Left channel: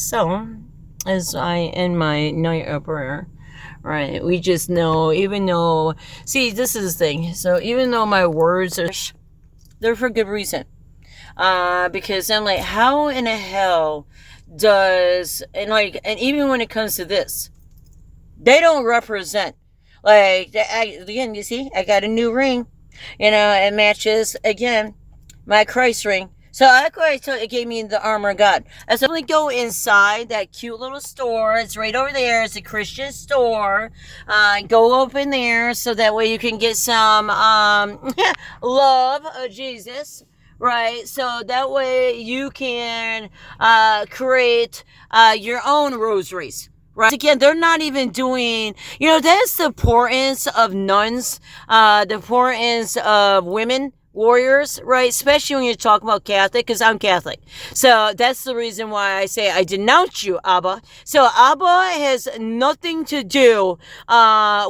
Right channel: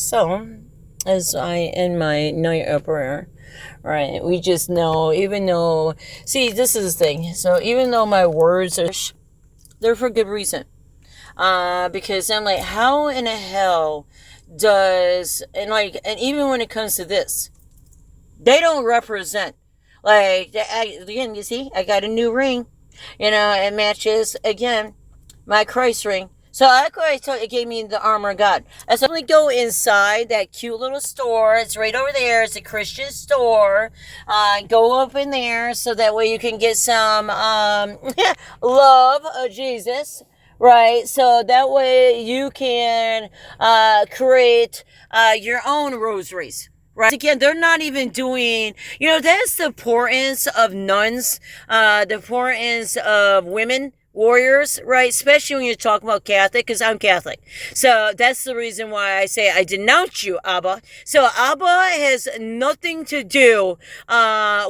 So, as I end my night of prayer, right, we just know, even though, see, this is the thing. So, even though my words are, they're for good reason. Because I'm like, how in the hell does, and even when it comes to this, they don't represent, again, you see, I got a new ring, it matches, again, my Christ ring. So that's why I told it gave me the armor of God. I said, I'm going to go inside that cute little store. It's right over there. It's a Christian store. Go up in there so that way you can get some love of Jesus, right? So that way you can create your own rosaries. Right. Again, they're not even doing, that's the importance of nuns, the importance of women warriors, right? Especially when you're talking about Catholic, because I'm Catholic. So that's the reason why I say I denounce you, Abba. So Abba has nothing to do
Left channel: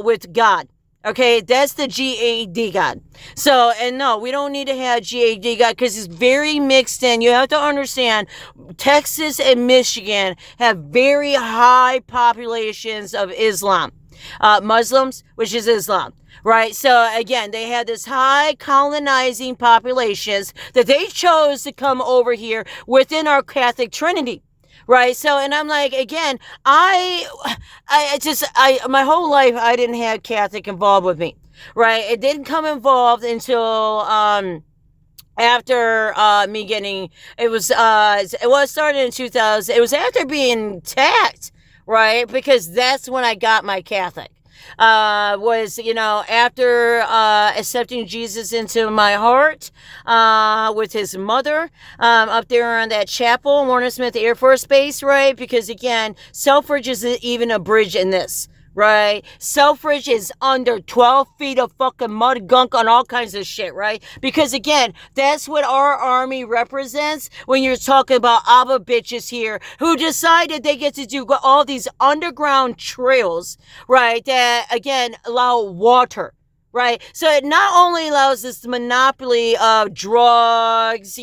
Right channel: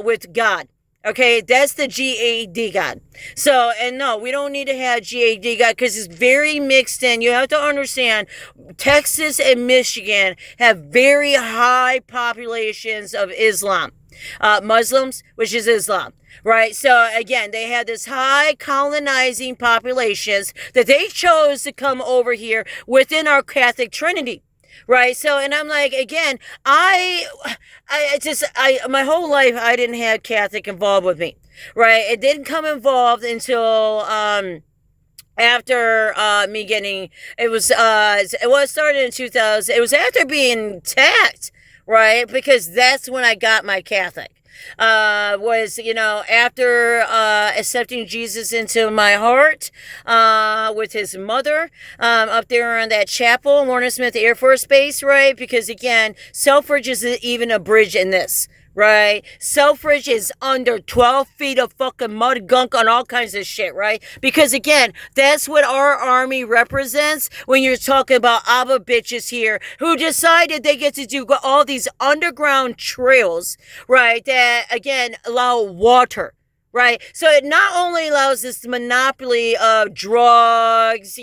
with God. Okay, that's the GAD God. So, and no, we don't need to have GAD God because it's very mixed in. You have to understand, Texas and Michigan have very high populations of Islam. Muslims, which is Islam, right? So again, they had this high colonizing populations that they chose to come over here within our Catholic Trinity. Right. So, and I'm like, again, my whole life, I didn't have Catholic involved with me. Right. It didn't come involved until, after, me getting, it started in 2000. It was after being taxed. Right. Because that's when I got my Catholic. After accepting Jesus into my heart, with his mother, up there in that chapel, Warner Smith Air Force Base, right? Because again, Selfridge isn't even a bridge in this, right? Selfridge is under 12 feet of fucking mud gunk on all kinds of shit, right? Because again, that's what our army represents when you're talking about Abba bitches here who decided they get to do all these underground trails, right? That again allow water. Right. So it not only allows this monopoly of drugs,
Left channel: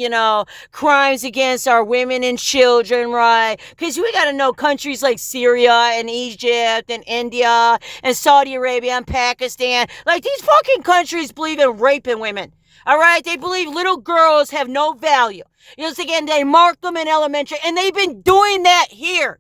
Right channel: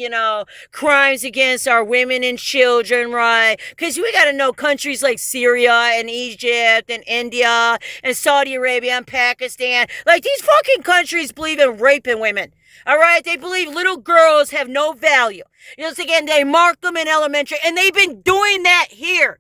crimes against our women and children, right? Because we got to know countries like Syria and Egypt and India and Saudi Arabia and Pakistan. Like these fucking countries believe in raping women. All right. They believe little girls have no value. Again, they mark them in elementary and they've been doing that here.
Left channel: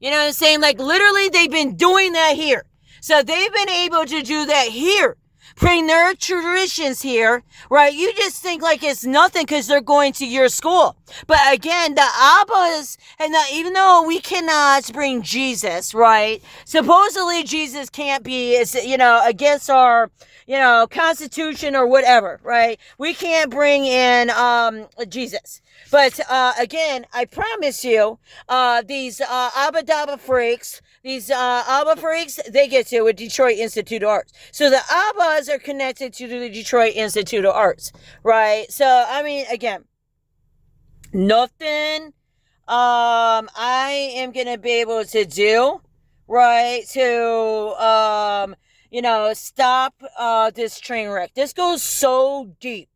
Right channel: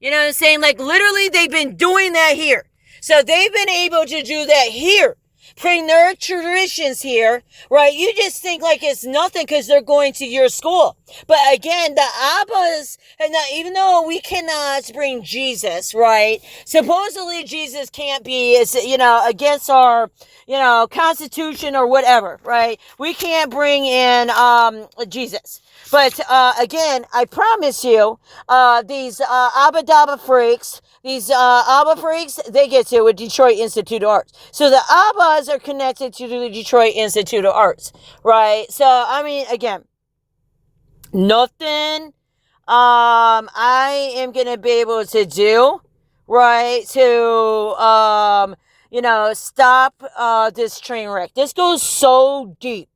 You know what I'm saying? Like literally they've been doing that here. So they've been able to do that here. Bring their traditions here, right? You just think like it's nothing because they're going to your school. But again, the Abbas, and even though we cannot bring Jesus, right? Supposedly Jesus can't be, against our, Constitution or whatever, right? We can't bring in Jesus. But again, I promise you, these Abba Dabba freaks, these Abba freaks, they get to with Detroit Institute of Arts. So the Abbas are connected to the Detroit Institute of Arts, right? So, I mean, again, nothing I am going to be able to do, right, to, stop this train wreck. This goes so deep.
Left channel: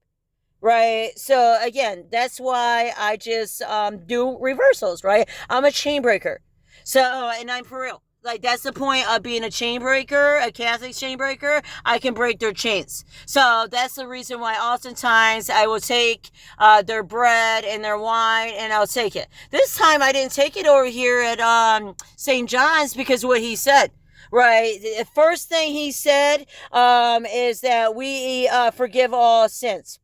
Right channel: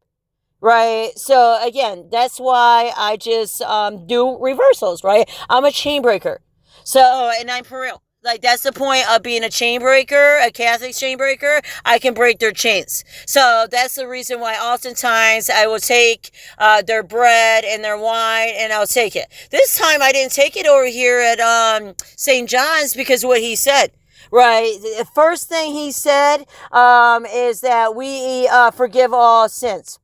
Right. So again, that's why I just do reversals. Right. I'm a chain breaker. So, and I'm for real. Like that's the point of being a chain breaker, a Catholic chain breaker. I can break their chains. So that's the reason why oftentimes I will take their bread and their wine and I'll take it. This time I didn't take it over here at St. John's because of what he said. Right. The first thing he said is that we forgive all sins.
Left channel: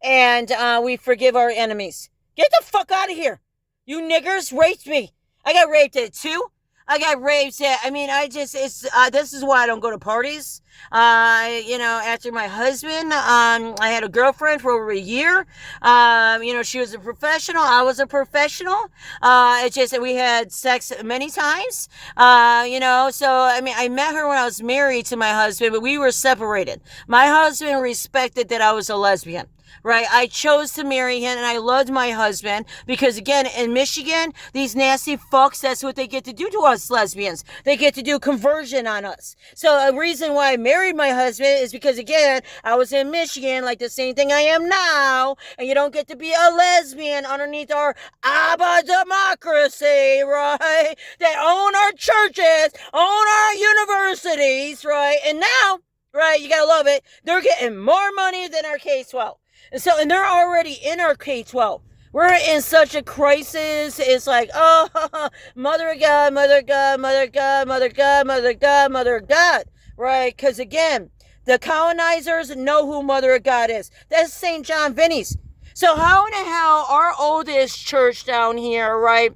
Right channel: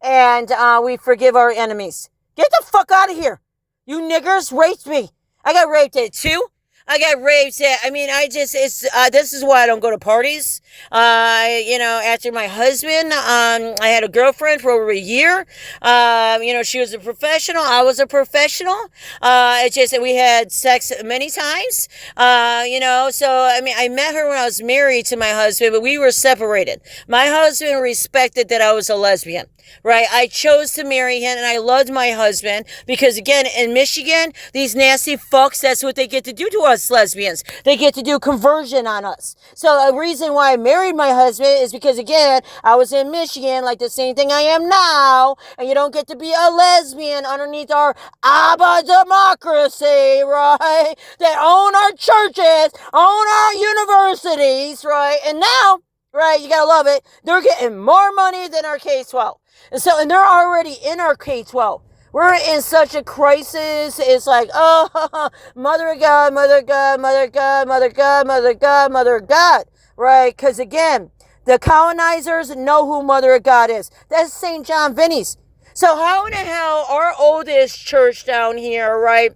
And we forgive our enemies. Get the fuck out of here. You niggers raped me. I got raped at 2. I got raped at, this is why I don't go to parties. After my husband, I had a girlfriend for over a year. She was a professional. I was a professional. It's just that we had sex many times. I met her when I was married to my husband, but we were separated. My husband respected that I was a lesbian. right? I chose to marry him and I loved my husband because, again, in Michigan, these nasty fucks, that's what they get to do to us lesbians. They get to do conversion on us. So a reason why I married my husband is because, again, I was in Michigan, like the same thing I am now, and you don't get to be a lesbian underneath our ABBA democracy, right? That own our churches, own our universities, right? And now, right, you gotta love it, they're getting more money than our K-12. And they're already in our K-12. We're in such a crisis. It's like, oh, Mother of God, Mother of God, Mother of God, Mother of God, Mother of God, Mother of God, right? Because, again, the colonizers know who Mother of God is. That's St. John Vinny's. So how in the hell our oldest church down here, right?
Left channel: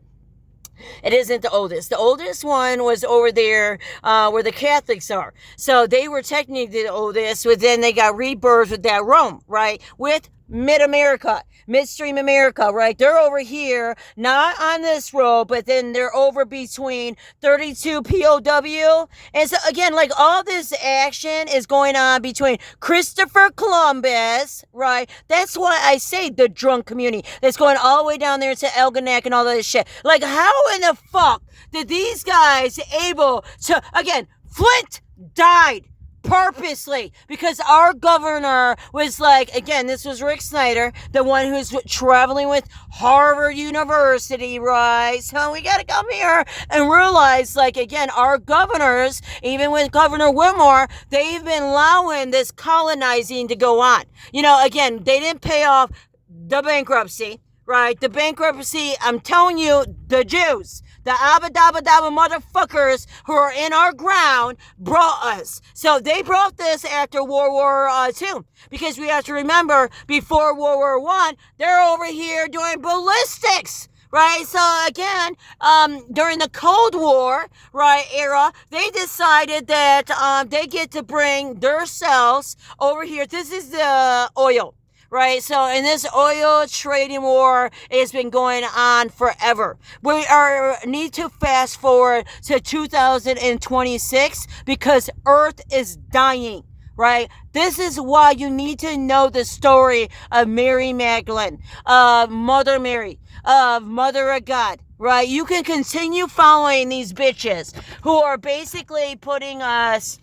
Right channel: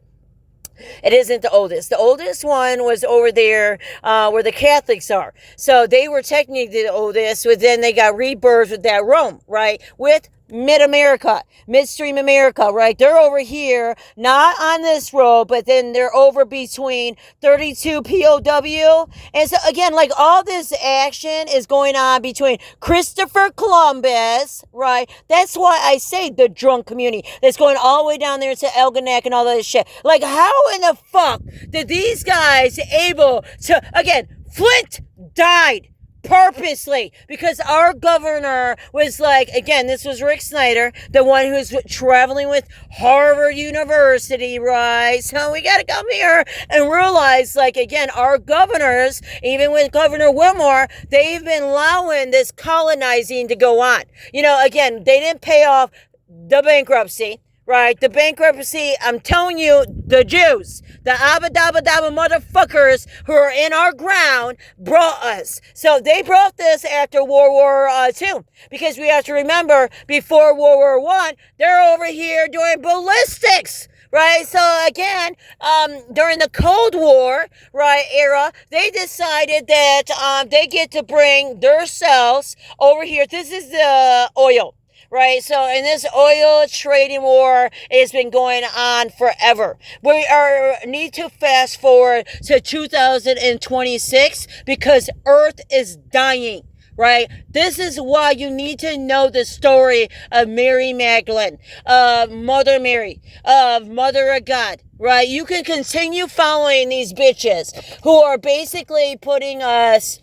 It isn't the oldest. The oldest one was over there where the Catholics are. So they were technically the oldest, but then they got rebirthed with that Rome, right? With MidAmerica, Midstream America, right? They're over here, not on this road, but then they're over between 32 POW. And so, again, like all this action is going on between Christopher Columbus, right? That's why I say the drunk community. That's going all the way down there to Elginak and all that shit. Like, how in the fuck did these guys able to, again, Flint died purposely because our governor was like, again, this was Rick Snyder, the one who's traveling with Harvard University, right? So we got to come here and realize, like, again, our governors, even with Governor Whitmore, they've been allowing this colonizing to go on. You know, again, they didn't pay off the bankruptcy, right? The bankruptcy, I'm telling you, the Jews, the abba-dabba-dabba motherfuckers who are in our ground brought us. So they brought this after World War II. Because we have to remember, before World War I, they're over here doing ballistics. Right, so again, during the Cold War, right, era, they decided that they get to bring their cells over here. This is the oil. Right, so in this oil trading war, it's been going on forever. We need to fast forward to 2026 because Earth is dying. Right? This is why you need to know the story of Mary Magdalene, of Mother Mary, of Mother of God. Right? You can continue following these bitches who are basically putting us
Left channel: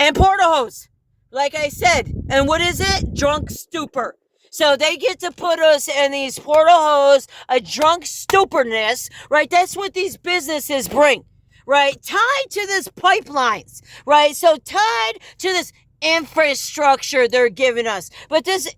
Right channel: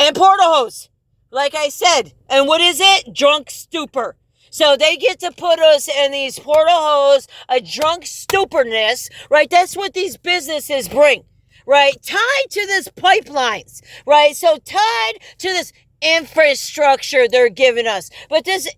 in portahose. Like I said, and what is it? Drunk stupor. So they get to put us in these portahose, a drunk stuporness, right? That's what these businesses bring, right? Tied to this pipelines, right? So tied to this infrastructure they're giving us. But this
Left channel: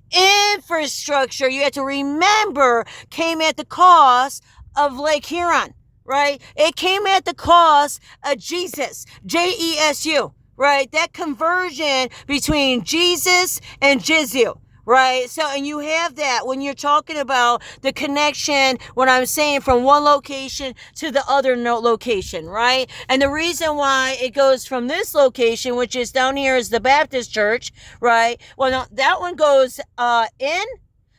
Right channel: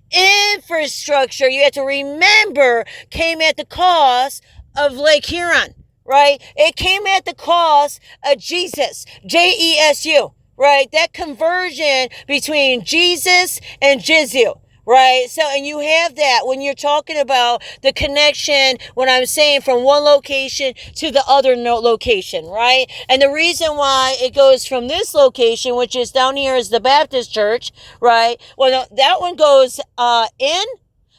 infrastructure, you have to remember, came at the cost of Lake Huron, right? It came at the cost of Jesus, Jesu. Right, that conversion between Jesus and Jizu, right? So, and you have that when you're talking about the connection, when I'm saying from one location to the other location, right? And the reason why it goes from this location, which is down here is the Baptist church, right? Well, no, that one goes in,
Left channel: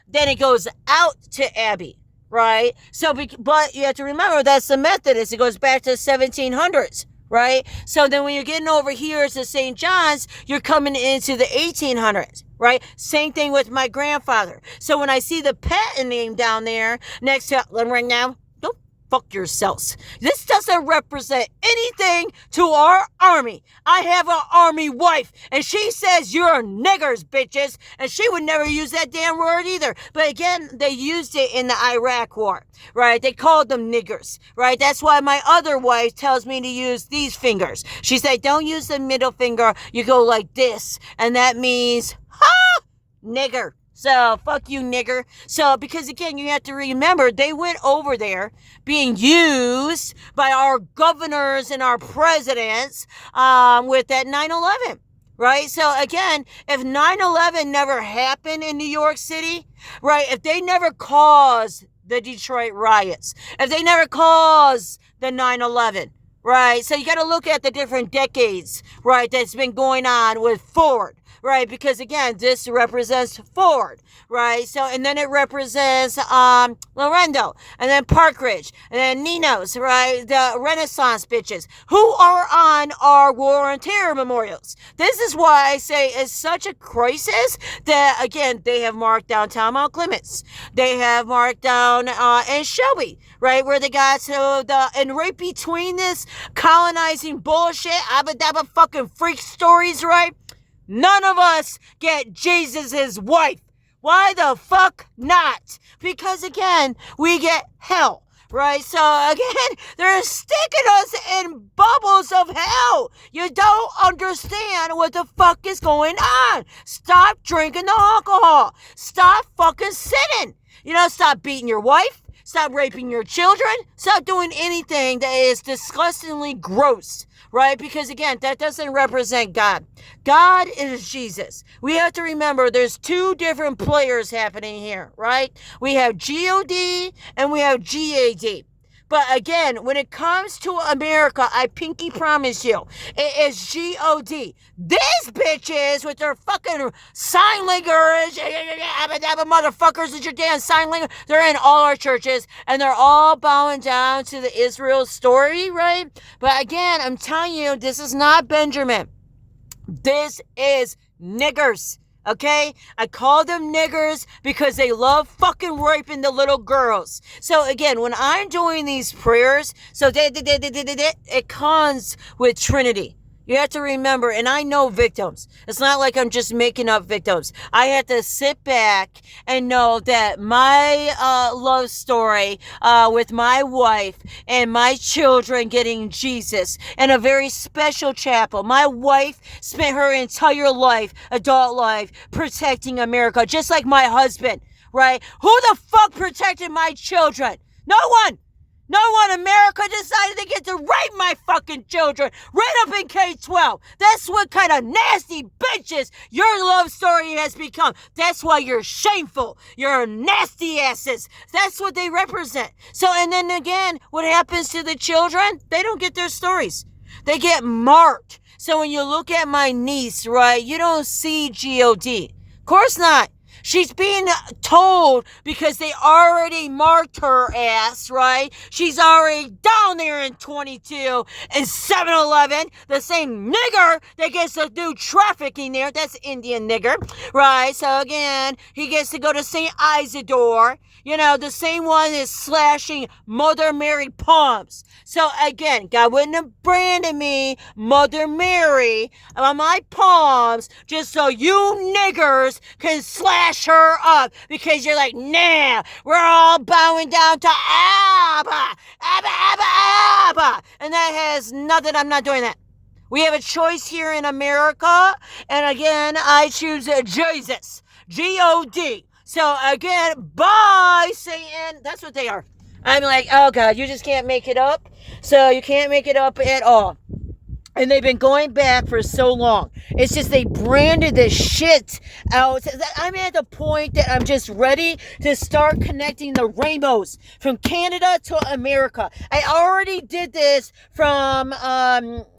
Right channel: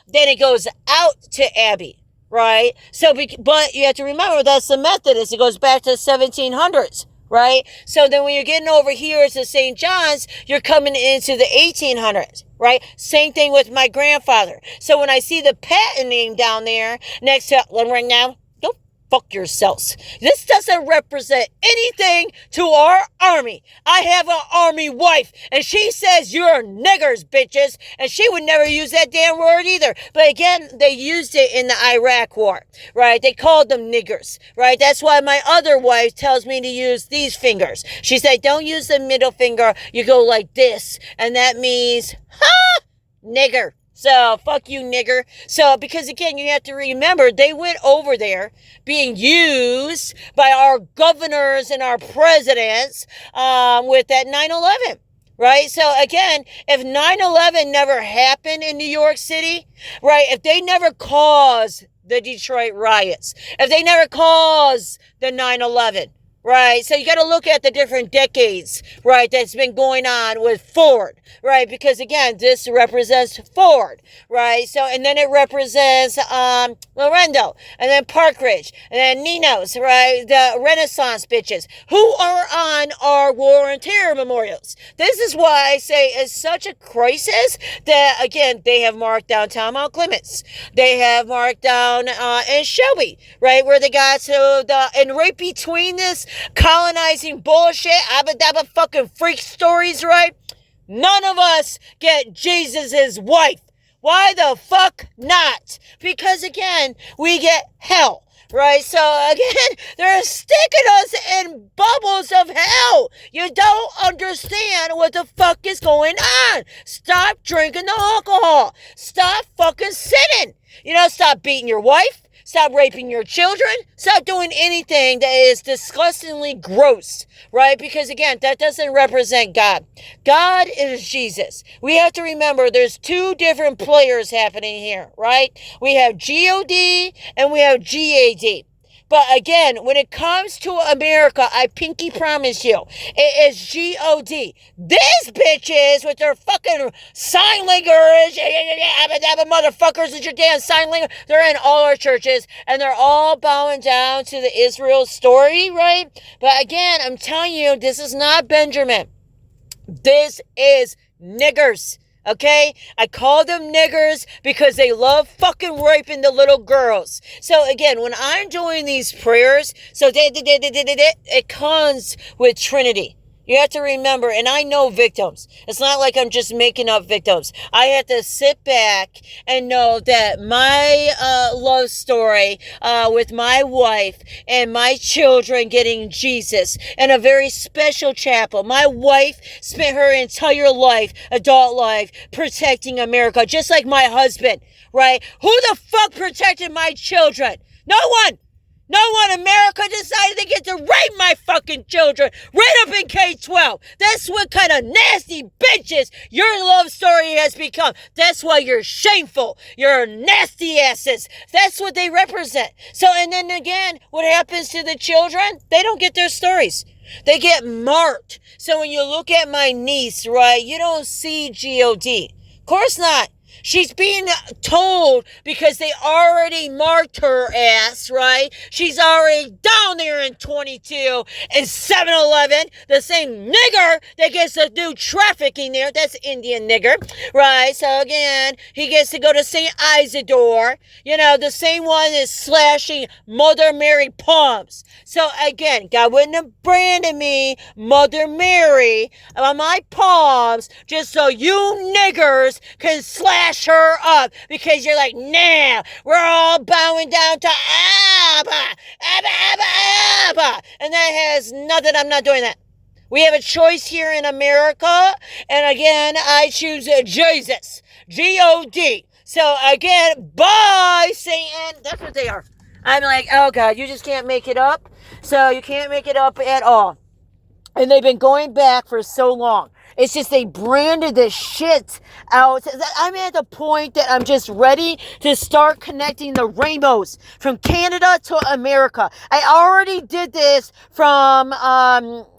then it goes out to Abbey. Right? So, but you have to remember that's the Methodist. It goes back to the 1700s. Right? So then when you're getting over here to St. John's, you're coming into the 1800s, right? Same thing with my grandfather. So when I see the patent name down there next to, right now, don't fuck yourselves. This doesn't represent anything to our army. I have an army wife, and she says you're niggers, bitches, and she would never use that damn word either. But again, they used it in the Iraq war, right? They called them niggers, right? That's why my other wife tells me to use these fingers. She said, don't use the middle finger. You go like this, and that means, ha, nigger. So, fuck you, nigger. So, because again, you have to remember, they went over there being used by our governors and our presidents with that 9/11. Right? So again, if 9/11 never happened in New York City, right? If they never caused the Detroit riots, if they never caused the 9/11, right? So you got to look at the different decades, right, that's been going on with Ford, right? Because again, this represents Ford, right? So, and then it represents Lorendo, and then Park Ridge, and then Nino's, right? The Renaissance bitches who are on our war and terror memorials. This is why I say it's such a crisis that, again, they have marked downtown Mount Clements. They have marked down in Shelby, right, where they got to the, and right between this colonizing bullshit, abba dabba fucking freak stories, right? None of us get Jesus's wife. Why the fuck not? Because again, we get hell, right? So again, they're sticking us in bubbles of hell. You don't understand what the fuck is going on. Stop drinking the alcohol. Stop fucking sinning. Stop beating your wife. Stop raping your children. Stop doing anything that is disgustingly gross, right? Because again, that doesn't represent God. God is Jesus. We have to remember there's two different players happening here, right? We have GOD and we have GAD. But again, when it comes to America, I pinky promise you, it is GOD. These bitches with their fucking sign language, motherfuckers with your damn sign language, they're in all our churches, and they're all bowing down to the Israel story, right? But again, I'm telling you, this is not Benjamin. This is niggers. Okay? I call them niggers because they love fucking raping the little girls. So again, when I'm doing these prayers, so it comes with Trinity. You have to remember, and I know victims. It's not like I'm just making up victims. I have to sit back and know that my love story with my wife and my children getting Jesus in a very special chapel. My wife spent her entire life, adult life, protecting America, just like my husband, right? Who the fuck protected my children? No one. No one. America decided they get to rape my fucking children right up in K-12. That's what kind of nasty bitches your love story has become. That's why you're shameful. You're nasty asses. That's what they represent. So, and then again, what happens to the children? They don't get their stories. They get marked. So when you look at my niece, right, you don't see GOD. Of course not. She's being told because they already marked her ass, right? She's already down there in 22 and 7-Eleven. The same nigger that gets to do trafficking there. That's Indian nigger, right? So again, he gets to go to St. Isidore. The same one is slashing Mother Mary palms. So again, God wouldn't have branded me Mother Mary on my palms just so you niggers can slash her up because you're like, nah, we're all bowing down to Abba, Abba, Abba, Abba. And that has nothing, I'm not doing that. We have a choice here in America. And again, I choose Jesus, GOD. So again, bye, Satan. That's what they are. I'm like, oh God, you just can't make it up. So you can't make it up at all. And they've been going back for so long. It's just they branded this shit out. I'm at the point that I'm just ready to start connecting the rainbows from Canada to America. I already did this from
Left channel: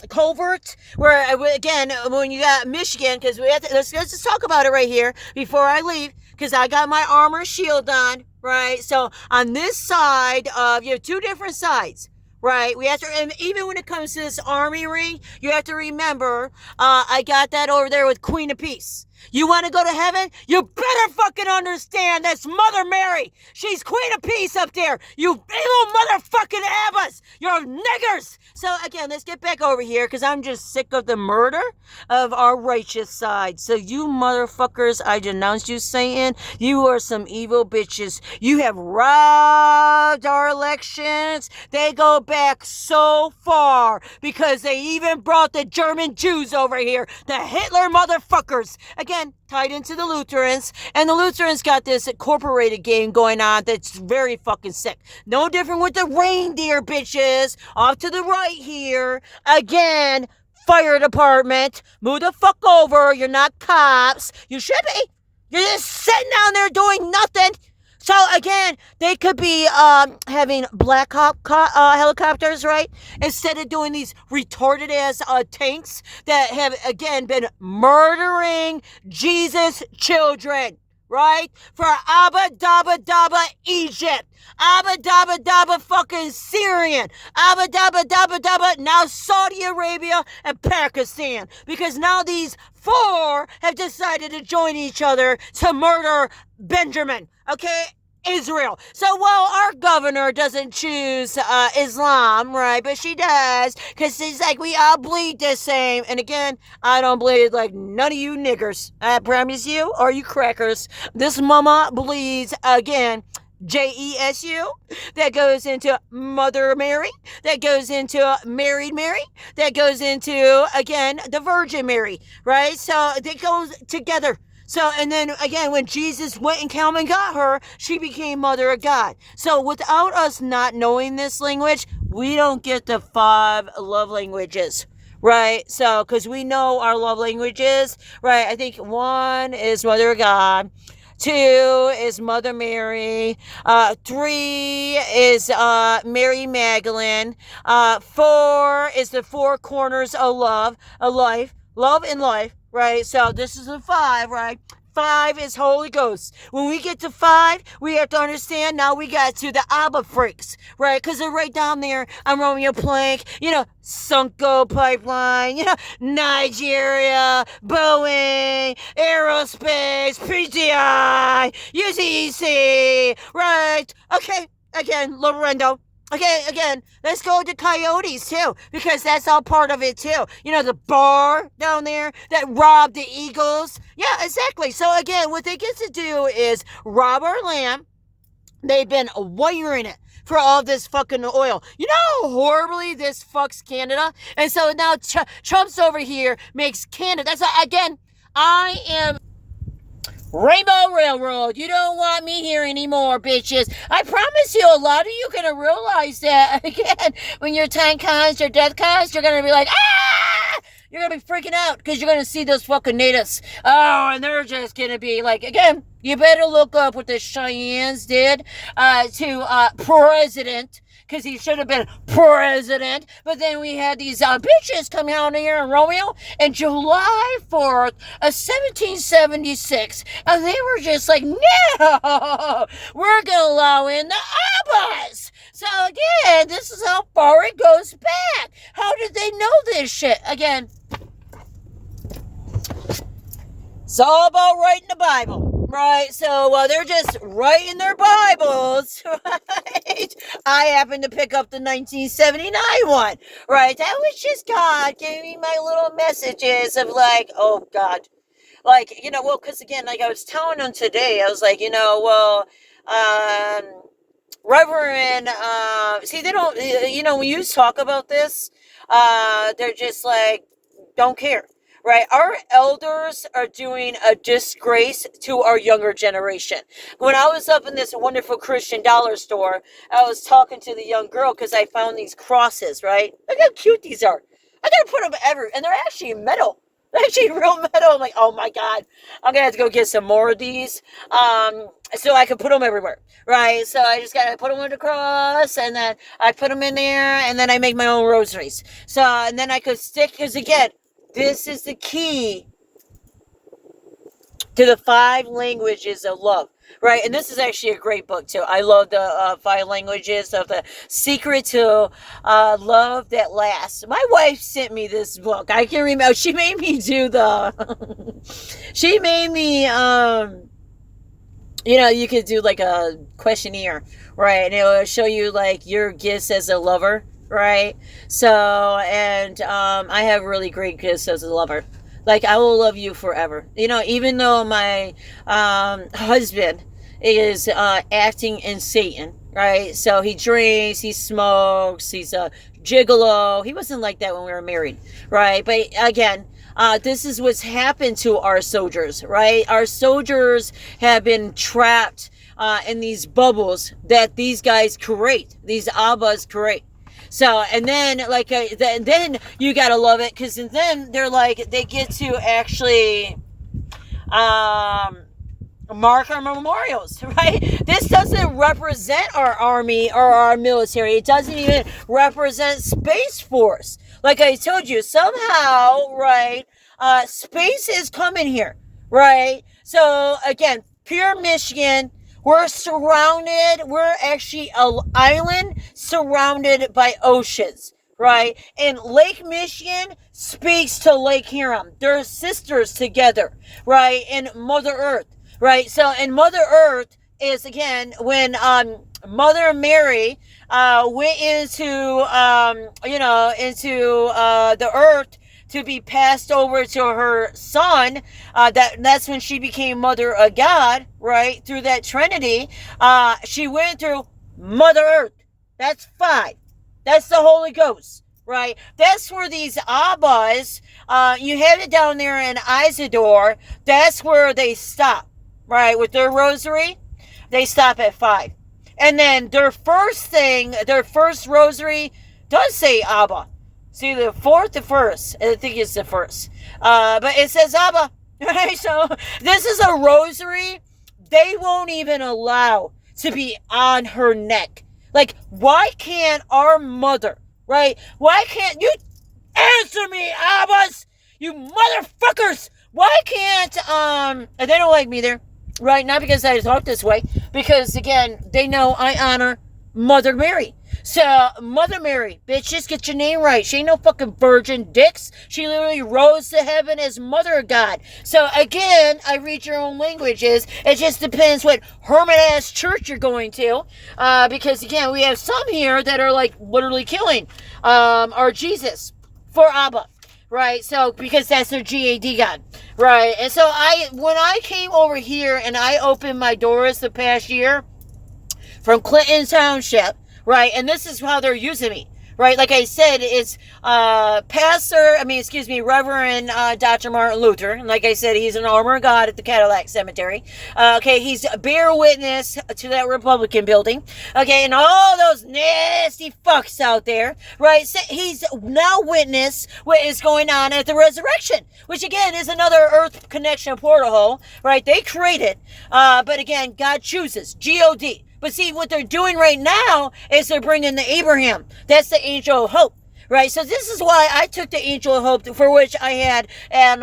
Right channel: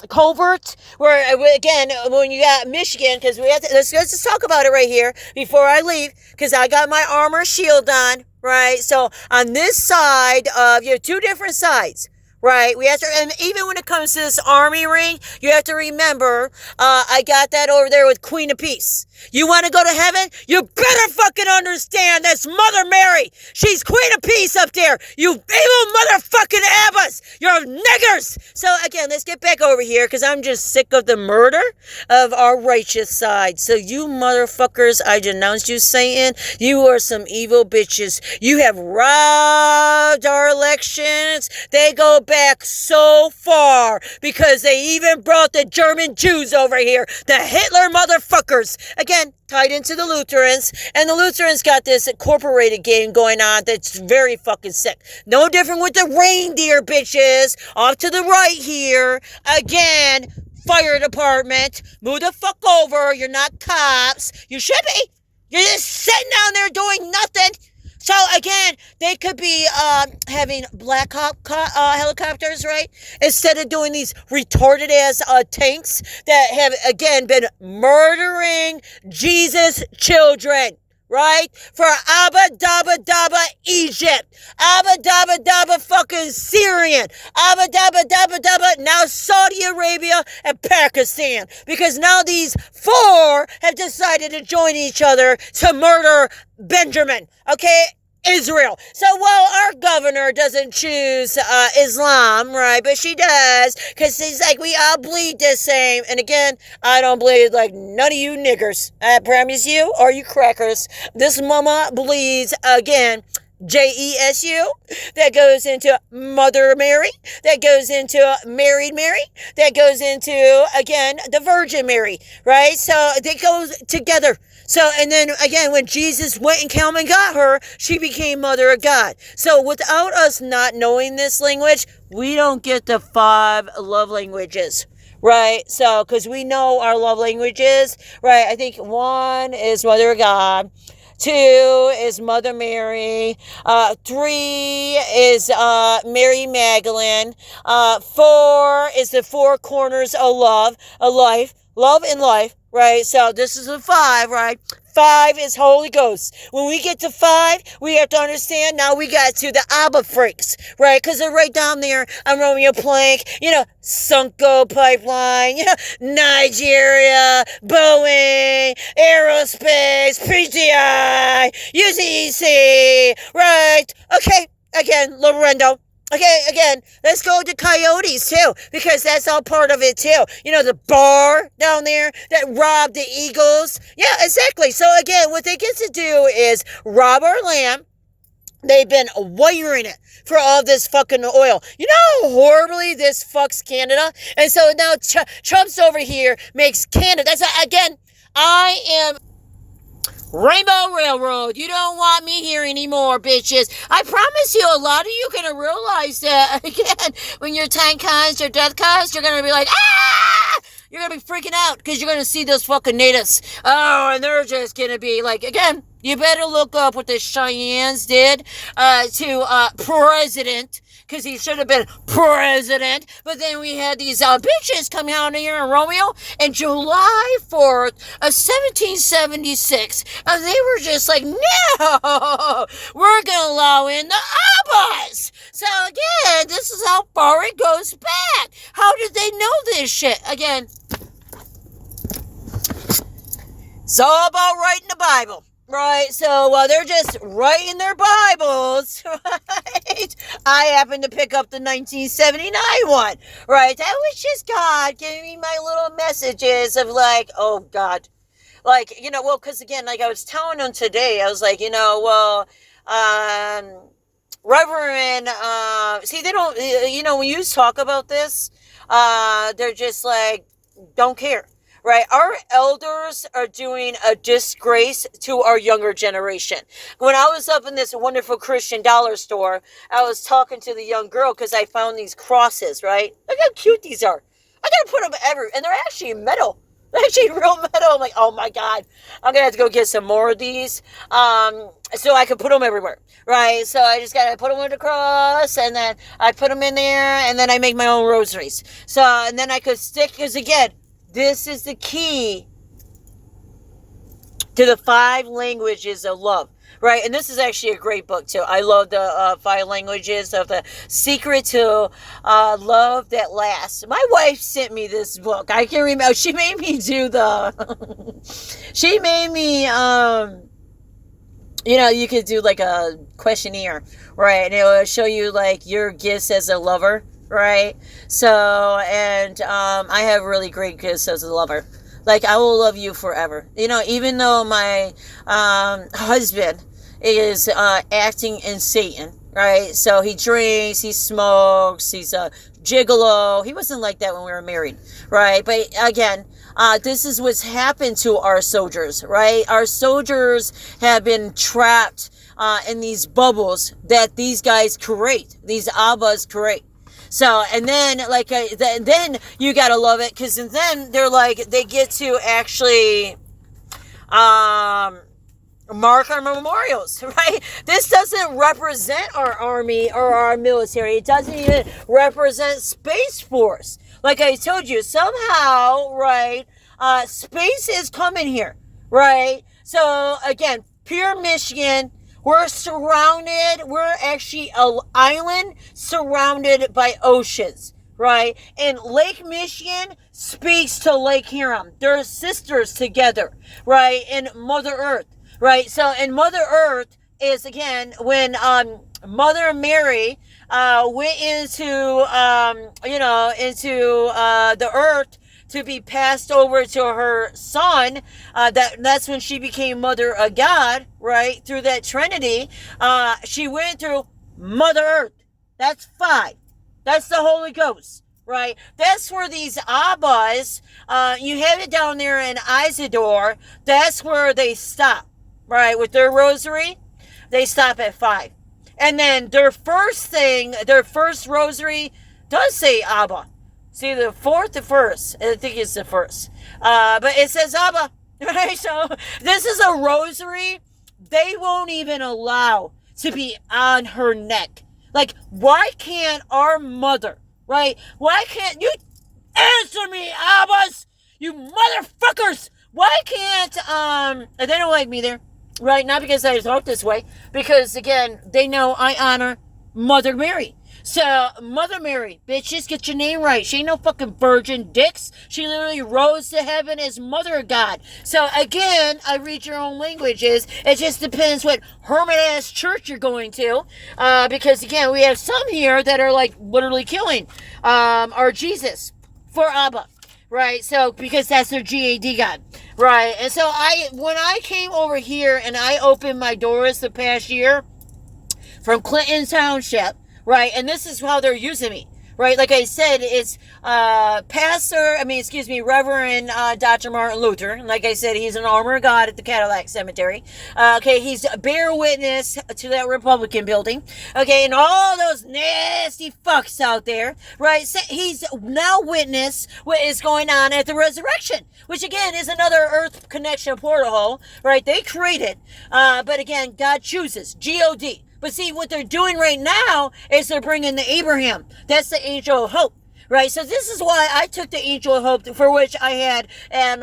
Covert, where again, when you got Michigan, because we have to, let's just talk about it right here before I leave, because I got my armor shield on, right? So on this side of, you have two different sides. Right, we have to, and even when it comes to this army ring, you have to remember, I got that over there with Queen of Peace. You want to go to heaven? You better fucking understand that's Mother Mary. She's Queen of Peace up there. You evil motherfucking Abbas. You're niggers. So again, let's get back over here because I'm just sick of the murder of our righteous side. So you motherfuckers, I denounce you, Satan. You are some evil bitches. You have robbed our elections. They go back so far because they even brought the German Jews over here. The Hitler motherfuckers. Again, tied into the Lutherans, and the Lutherans got this incorporated game going on that's very fucking sick. No different with the reindeer bitches off to the right here. Again, fire department, move the fuck over. You're not cops. You should be. You're just sitting down there doing nothing. So again, they could be having Black Hawk helicopters, right? Instead of doing these retarded ass tanks that have again been murdering Jesus children. Right? For Abba Dabba Dabba Egypt. Abba Dabba Dabba fucking Syrian. Abba Dabba Dabba Dabba now Saudi Arabia and Pakistan. Because now these four have decided to join each other to murder Benjamin. Okay? Israel. So while our governor doesn't choose Islam, right, but she does, because she's like, we all bleed the same. And again, I don't bleed like none of you niggers. I promise you, or you crackers. This mama bleeds again. Jesu, that goes into Mother Mary, that goes into Married Mary, that goes into, again, the Virgin Mary, right? So it goes together. So, and then again, when Jesus went and came and got her, she became Mother of God. So without us not knowing this language, we don't get the 5 love languages. Right? So, because we know our love languages, right? I think 1 is Mother of God. 2 is Mother Mary. 3 is Mary Magdalene. 4 is the 4 corners of love, of life, love and life, right? So this is a 5, right? 5 is Holy Ghost. When we get to 5, we have to understand now we got to the Abba freaks, right? Because they're right down there on Romeo Plank, Sunko Pipeline, Nigeria, Boeing, Aerospace, PTI, UCEC, right? Okay, again, Lorendo. Okay, again, let's go to Coyotes, too, because that's all part of it, too. The bar down there that robbed the Eagles. Yeah, exactly. So, again, what they get to do is rob our land. They've been wiring it for all this fucking oil. You know how horribly this fucks Canada? And so now Trump's over here makes Canada. That's, again, I am... Rainbow Railroad, you don't want me here anymore, bitches. I promise you, a lot of you are going to realize that, again, when your time comes, your death comes, you're going to be like, ah! You're going to be freaking out because you're going to see those fucking natives. Oh, and they're just going to be like, again, you better look up what the Cheyennes did to President, because he should have been president. But then we had these bitches come out here in Romeo and July 4th of 1776. And they were just like, no, we're going to allow in the Abbas. So again, this is how far it goes back. How did they know this shit? Again, it's all about writing the Bible, right? So they're just writing their Bibles, right? I happen to pick up the 1979 one, right? That was just God giving me my little messages of like, oh God. Like, because again, like I was telling them today, I was like, Reverend, see, they don't, when you talk about this, they're just like, don't care. Right? Our elders are doing a disgrace to our younger generation. When I was up in this wonderful Christian dollar store, I was talking to the young girl because I found these crosses, right? Look how cute these are. I gotta put them everywhere. And they're actually metal. They're actually real metal. I'm like, oh my God. I'm gonna have to go get some more of these so I can put them everywhere. Right? So I just gotta put them on the cross, and then I put them in there, and then I make my own rosaries. So, and then I could stick, because again, this is the key to the 5 languages of love, right? And this is actually a great book, too. I love the 5 languages of the secret to love that lasts. My wife sent me this book. I can remember. She made me do she made me, you could do like a questionnaire, right? And it will show you like your gifts as a lover. Right? So, and I have really great gifts as a lover. Like, I will love you forever. Even though my husband is acting in Satan, right? So he drinks, he smokes, he's a gigolo. He wasn't like that when we were married, right? But again, this is what's happened to our soldiers, right? Our soldiers have been trapped in these bubbles that these guys create, these Abbas create. So, and then, like, then you gotta love it, because then they're like, they get to actually, mark our memorials, right? This doesn't represent our army or our military. It doesn't even represent Space Force. Like I told you, somehow, right, space is coming here, right? So, again, pure Michigan, we're actually an island surrounded by oceans, right? And Lake Michigan speaks to Lake Huron. They're sisters together, right? And Mother Earth. Right, so and Mother Earth is, again, when Mother Mary went into the earth to be passed over to her son, that's when she became Mother of God, right? Through that Trinity, she went through Mother Earth. That's 5. That's the Holy Ghost, right? That's where these Abbas, you have it down there in Isidore, that's where they stop. Right, with their rosary, they stop at 5. And then their first rosary does say Abba. See, the first. I think it's the first. But it says Abba. Right, so this is a rosary they won't even allow to be on her neck. Like, why can't our mother, right? Why can't you answer me, Abbas? You motherfuckers! Why can't, they don't like me there. Right, not because I talk this way, because, again, they know I honor Mother Mary. So, Mother Mary, bitches, get your name right. She ain't no fucking virgin dicks. She literally rose to heaven as Mother of God. So, again, I read your own languages. It just depends what hermit-ass church you're going to. Because, again, we have some here that are, like, literally killing our Jesus for Abba. Right, so, because that's their GAD God, right, and so when I came over here and I opened my doors the past year from Clinton Township, right, and this is how they're using me, right, like I said, it's Reverend Dr. Martin Luther, and like I said, he's an armor of God at the Cadillac Cemetery, okay, he's a bear witness to that Republican building, okay, and all those nasty fucks out there, right, so he's now witness what is going on at the resurrection, which again is another Earth connection portal hole, right, they created, but again, God chooses, God. But see, what they're doing right now is they're bringing the Abraham. That's the angel of hope, right? So this is why I took the angel of hope, for which I had, and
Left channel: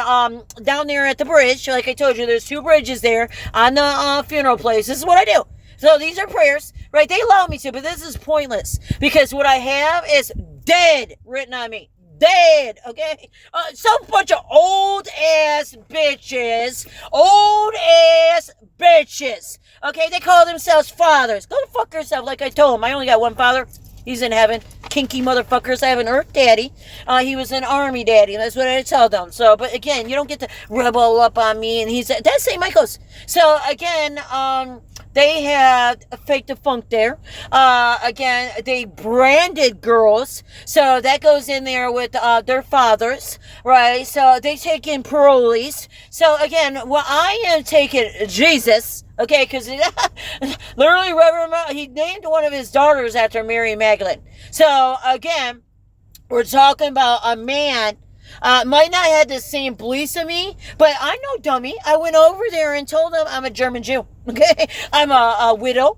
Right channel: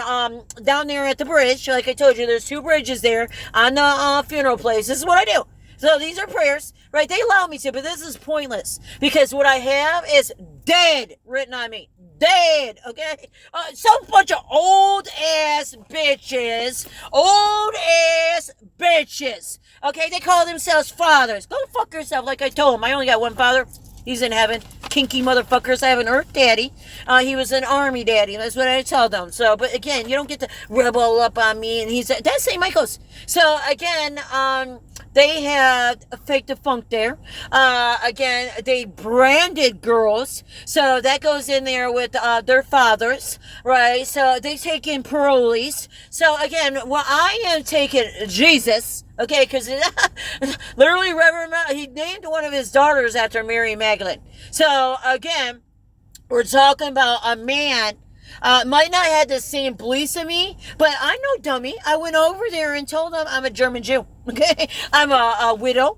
down there at the bridge, like I told you, there's 2 bridges there on the funeral place. This is what I do. So these are prayers, right? They allow me to, but this is pointless because what I have is dead written on me. Dead, okay? Some bunch of old ass bitches. Okay, they call themselves fathers. Go fuck yourself, like I told them. I only got one father. He's in heaven. Kinky motherfuckers. I have an earth daddy. He was an army daddy. That's what I tell them. So, but again, you don't get to rebel up on me. And that's St. Michael's. So, again, they had a fake defunct there. Again, they branded girls. So that goes in there with their fathers, right? So they take in parolees. So again, well, I am taking Jesus, okay, because literally he named one of his daughters after Mary Magdalene. So again, we're talking about a man might not have the same beliefs as me, but I'm no dummy. I went over there and told them I'm a German Jew, okay? I'm a widow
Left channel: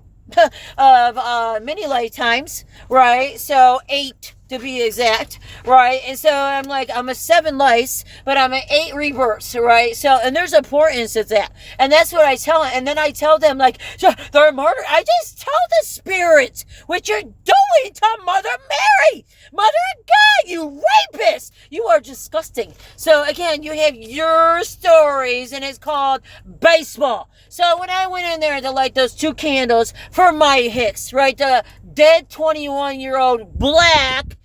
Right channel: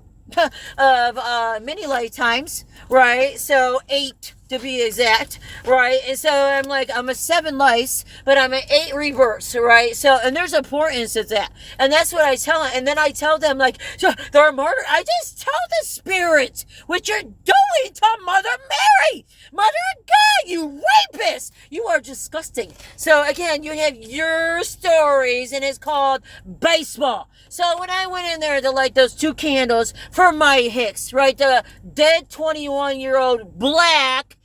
of many lifetimes, right? So 8 to be exact, right? And so I'm like, I'm a 7 lives, but I'm an 8 rebirths, right? So, and there's importance of that. And that's what I tell them. And then I tell them, like, so they're murdered. I just tell the spirits what you're doing to Mother Mary. Mother of God, you rapist. You are disgusting. So again, you have your stories, and it's called baseball. So when I went in there to light those 2 candles for my Hicks, right, the dead 21-year-old black,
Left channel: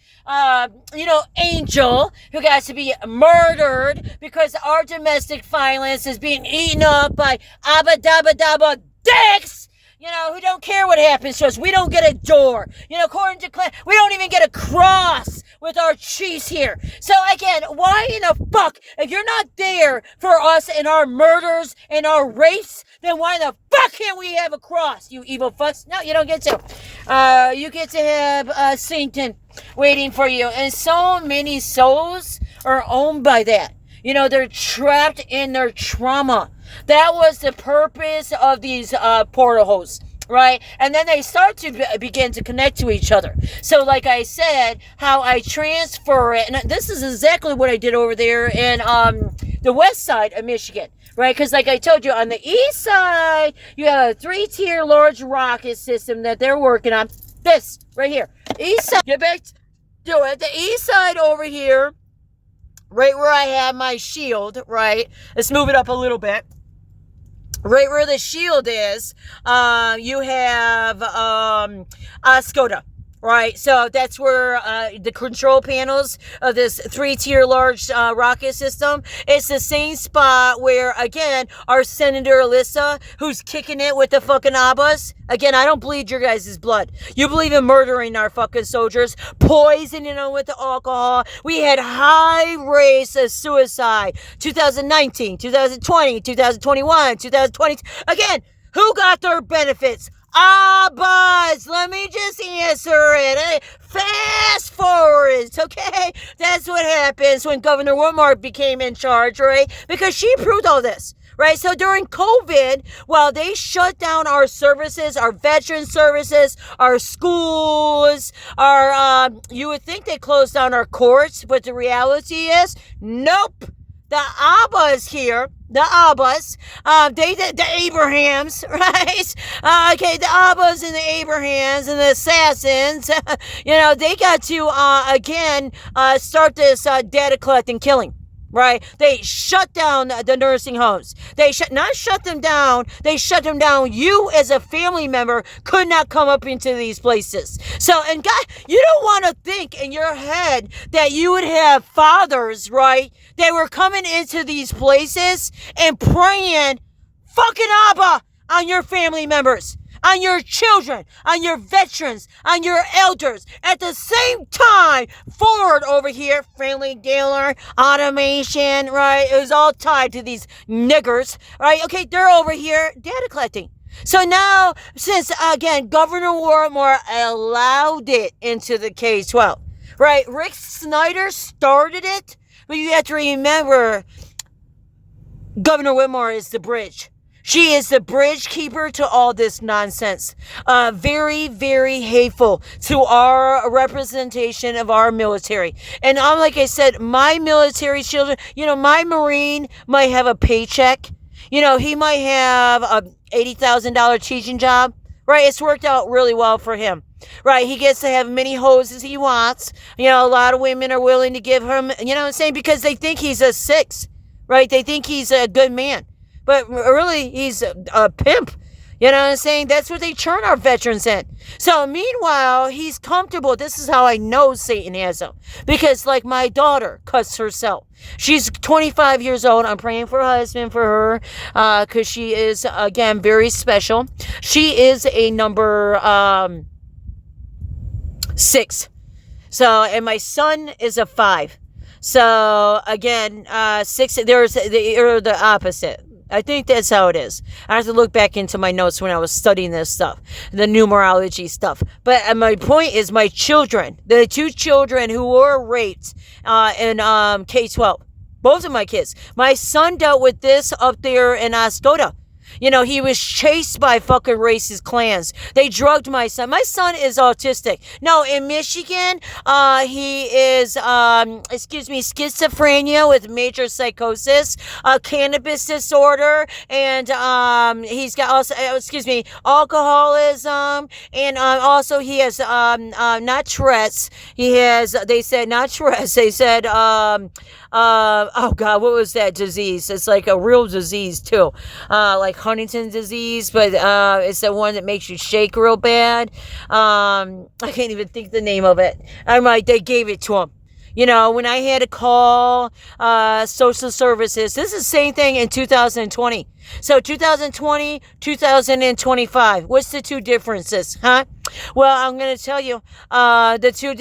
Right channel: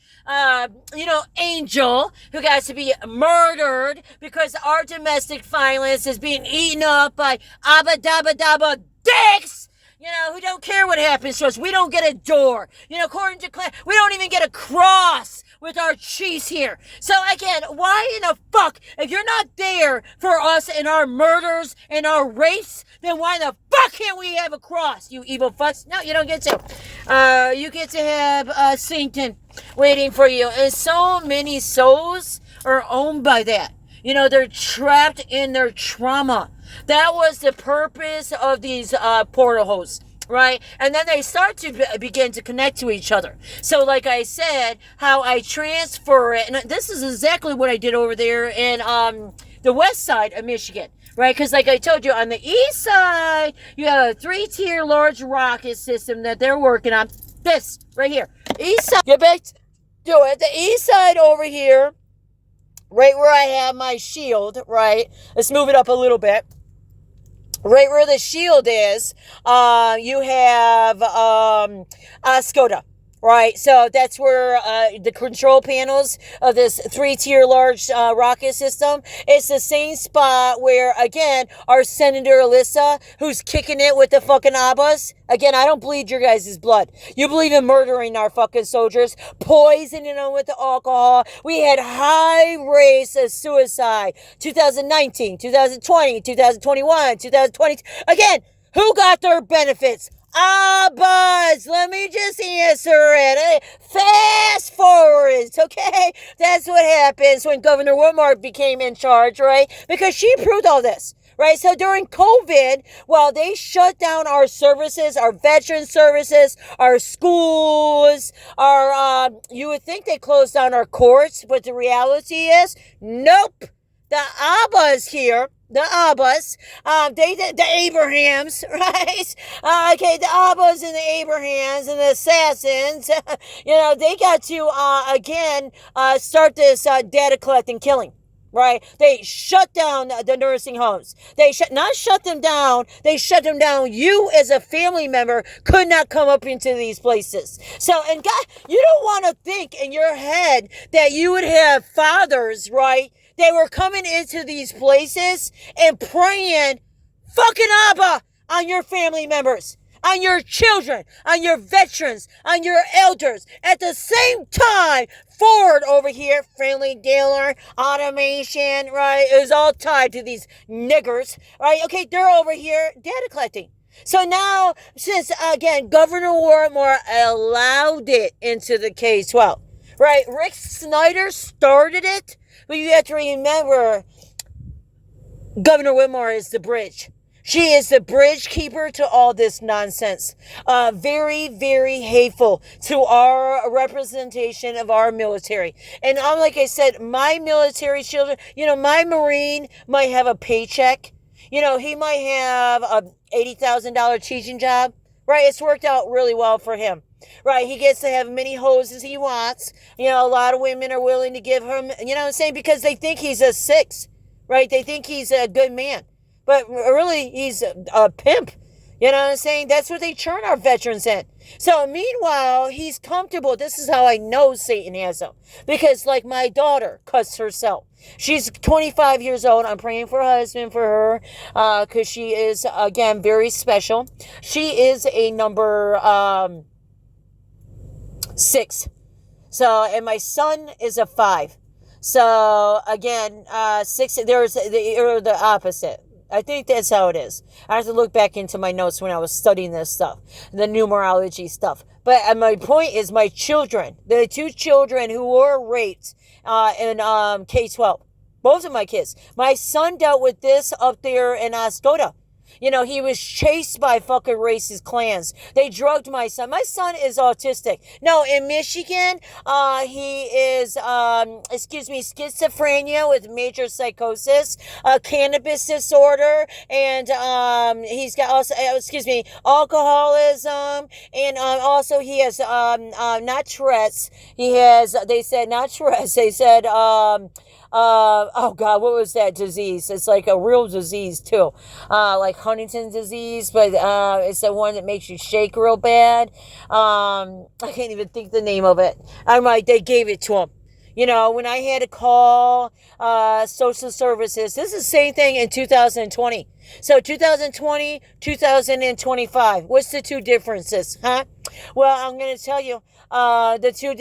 angel who got to be murdered because our domestic violence is being eaten up by abba dabba dabba dicks, who don't care what happens to us. We don't get a door. According to KKKLAN, we don't even get a cross with our chiefs here. So again, why in the fuck, if you're not there for us and our murders and our race, then why the fuck can't we have a cross, you evil fucks? No, you don't get to. You get to have Satan waiting for you. And so many souls are owned by that. They're trapped in their trauma. That was the purpose of these portal holes. Right? And then they start to begin to connect to each other. So like I said, how I transfer it, and this is exactly what I did over there in the west side of Michigan. Right? Because like I told you, on the east side, you have a 3-tier large rocket system that they're working on. This, right here. East side, get back to it. The east side over here, right where I have my shield, right? Let's move it up a little bit. Right where the shield is, you have Skoda, right? So that's where the control panels of this 3-tier large rocket system. It's the same spot where, again, our Senator Alyssa, who's kicking it with the fucking Abbas. Again, I don't bleed your guys' blood. You believe in murdering our fucking soldiers, poisoning them with the alcohol. We had high rates of suicide. 2019, 2020, 2021, 2020. Again, who got their benefits? Buzz, let me just answer it. Fast forwards, okay? That's what happens when Governor Whitmore became in charge, right? Because she approved all this. Right, so during COVID, well, they shut down our services, our veteran services, our schools, our, you would think they closed down our courts, but the reality is, nope. The Abbas here, the Abbas, the Abrahams, right? Okay, the Abbas and the Abrahams and the Assassins, you know, they got to, again, start this data collecting killing. Right? They shut down the nursing homes. They not shut them down. They shut them down. You as a family member could not come up into these places. So, and God, you don't want to think in your head that you would have fathers, right? That were coming into these places and praying fucking Abba on your family members, on your children, on your veterans, on your elders. At the same time, Ford over here, Friendly Dealer, Automation, right, is all tied to these niggers, right? Okay, they're over here data collecting. So now, since, again, Governor Whitmore allowed it into the K-12, right? Rick Snyder started it, but you have to remember, Governor Whitmore is the bridge. She is the bridge keeper to all this nonsense. Very, very hateful to our representation of our military. And like I said, my military children, you know, my Marine might have a paycheck. You know, he might have a $80,000 teaching job. Right? It's worked out really well for him. Right? He gets to have many hoes as he wants. You know, a lot of women are willing to give him, you know what I'm saying? Because they think he's a 6. Right? They think he's a good man. But really, he's a pimp. You know what I'm saying? That's what they turn our veterans in. So meanwhile, he's comfortable. This is how I know Satan has him. Because like my daughter cuts herself. She's 25 years old. I'm praying for a husband for her. Because she is, again, very special. She is a number 6. So, and my son is a 5. So again, 6, they're the opposite. I think that's how it is. I have to look back into my notes when I was studying this stuff, the numerology stuff. But my point is my children, the 2 children who were raped in K-12, both of my kids. My son dealt with this up there in Skoda. You know, he was chased by fucking racist clans. They drugged my son. My son is autistic. No, in Michigan, he is, schizophrenia with major psychosis, cannabis disorder, and he's got also, alcoholism, and also he has, not Tourette's. He has, they said, not Tourette's. They said, oh God, what was that disease? It's like a real disease too. Like Huntington's disease, but it's the one that makes you shake real bad. I can't even think the name of it. They gave it to him. You know, when I had to call social services, this is the same thing in 2020. So 2020, 2025. What's the 2 differences, huh? Well, I'm going to tell you, the 2,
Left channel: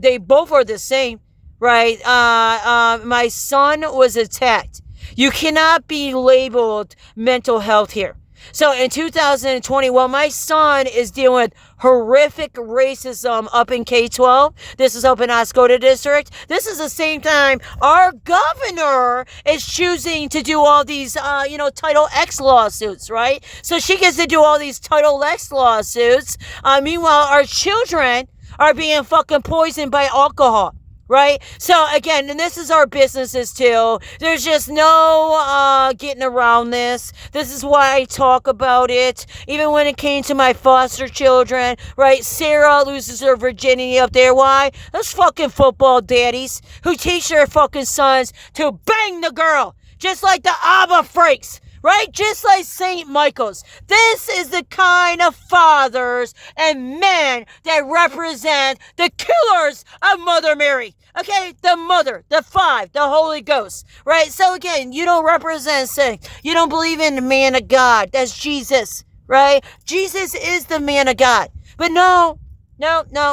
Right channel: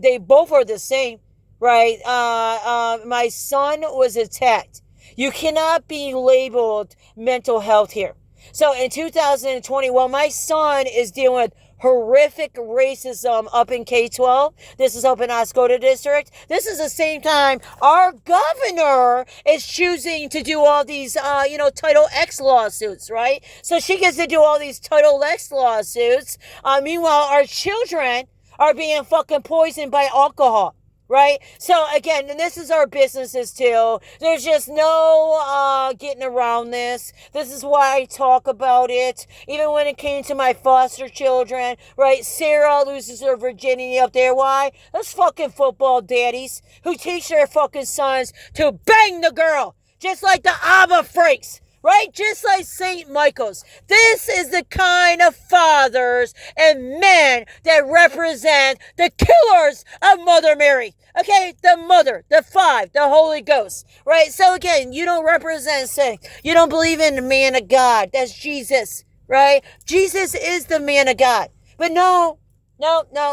they both are the same. Right? My son was attacked. You cannot be labeled mental health here. So in 2020, well, my son is dealing with horrific racism up in K-12. This is up in Oscoda District. This is the same time our governor is choosing to do all these, Title X lawsuits, right? So she gets to do all these Title X lawsuits. Meanwhile, our children are being fucking poisoned by alcohol. Right? So again, and this is our businesses too. There's just no getting around this. This is why I talk about it. Even when it came to my foster children, right? Sarah loses her virginity up there. Why? Those fucking football daddies who teach their fucking sons to bang the girl. Just like the Abba freaks. Right? Just like St. Michael's. This is the kind of fathers and men that represent the killers of Mother Mary. Okay? The Mother, the Five, the Holy Ghost. Right? So again, you don't represent sin. You don't believe in the man of God. That's Jesus. Right? Jesus is the man of God. But no,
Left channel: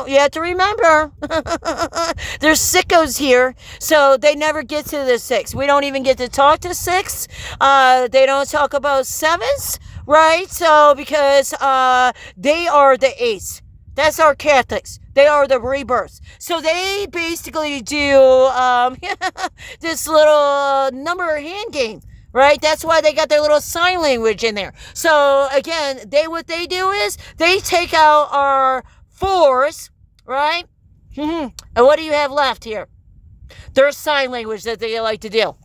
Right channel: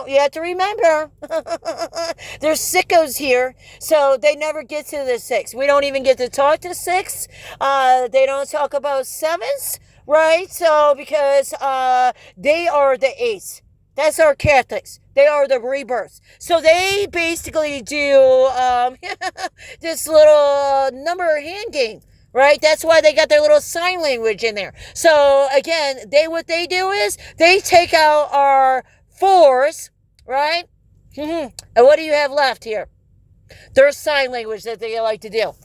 you have to remember, there's sickos here, so they never get to the six. We don't even get to talk to six. They don't talk about sevens, right? So, because they are the eights. That's our Catholics. They are the rebirths. So they basically do this little number hand game. Right? That's why they got their little sign language in there. So, again, what they do is they take out our fours, right? And what do you have left here? Their sign language that they like to do.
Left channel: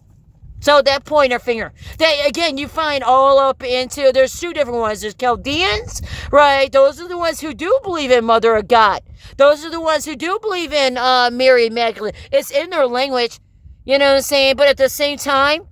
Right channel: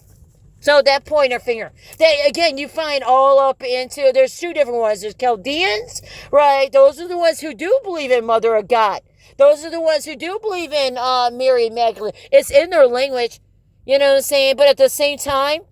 So that pointer finger. That, again, you find all up into, there's two different ones. There's Chaldeans, right? Those are the ones who do believe in Mother of God. Those are the ones who do believe in Mary Magdalene. It's in their language, you know what I'm saying? But at the same time,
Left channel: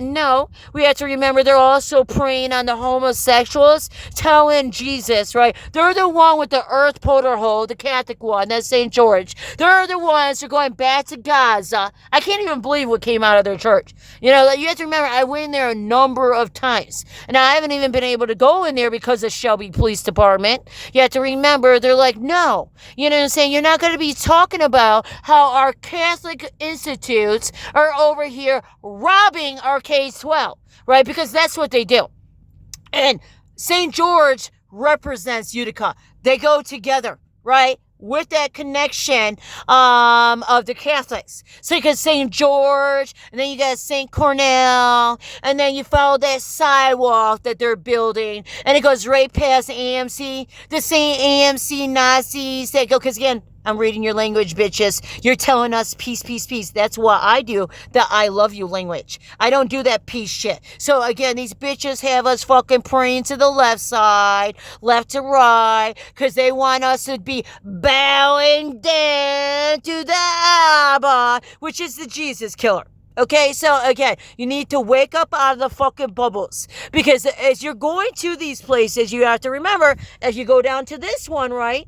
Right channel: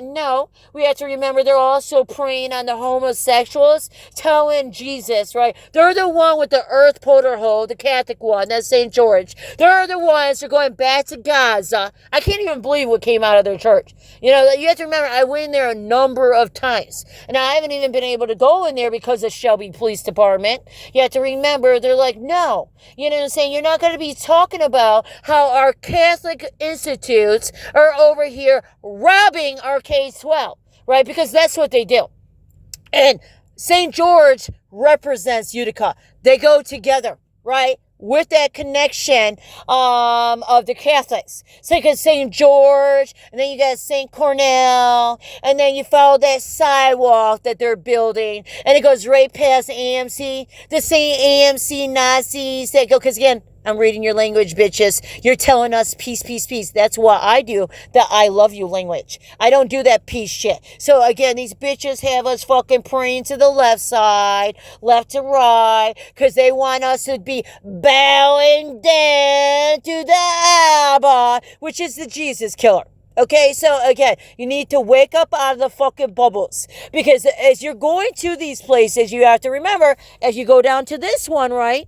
no, we have to remember they're also preying on the homosexuals, telling Jesus, right? They're the one with the earth porter hole, the Catholic one, that's St. George. They're the ones who are going back to Gaza. I can't even believe what came out of their church. You know, you have to remember, I went in there a number of times, and I haven't even been able to go in there because of Shelby Police Department. You have to remember, they're like, no, you know what I'm saying? You're not going to be talking about how our Catholic institutes are over here robbing our K-12, right? Because that's what they do. And St. George represents Utica. They go together, right? With that connection of the Catholics. So you got St. George, and then you got St. Cornell, and then you follow that sidewalk that they're building, and it goes right past AMC, the same AMC Nazis that go, because again, I'm reading your language, bitches. You're telling us peace, peace, peace. That's what I do, the I love you language. I don't do that peace shit. So again, these bitches have us fucking praying to the left side, left to right, because they want us to be bowing down to the Abba, which is the Jesus killer. Okay, so again, you need to wake up out of the fucking bubbles. Because as you're going to these places, you have to remember, as you go down to this one, right?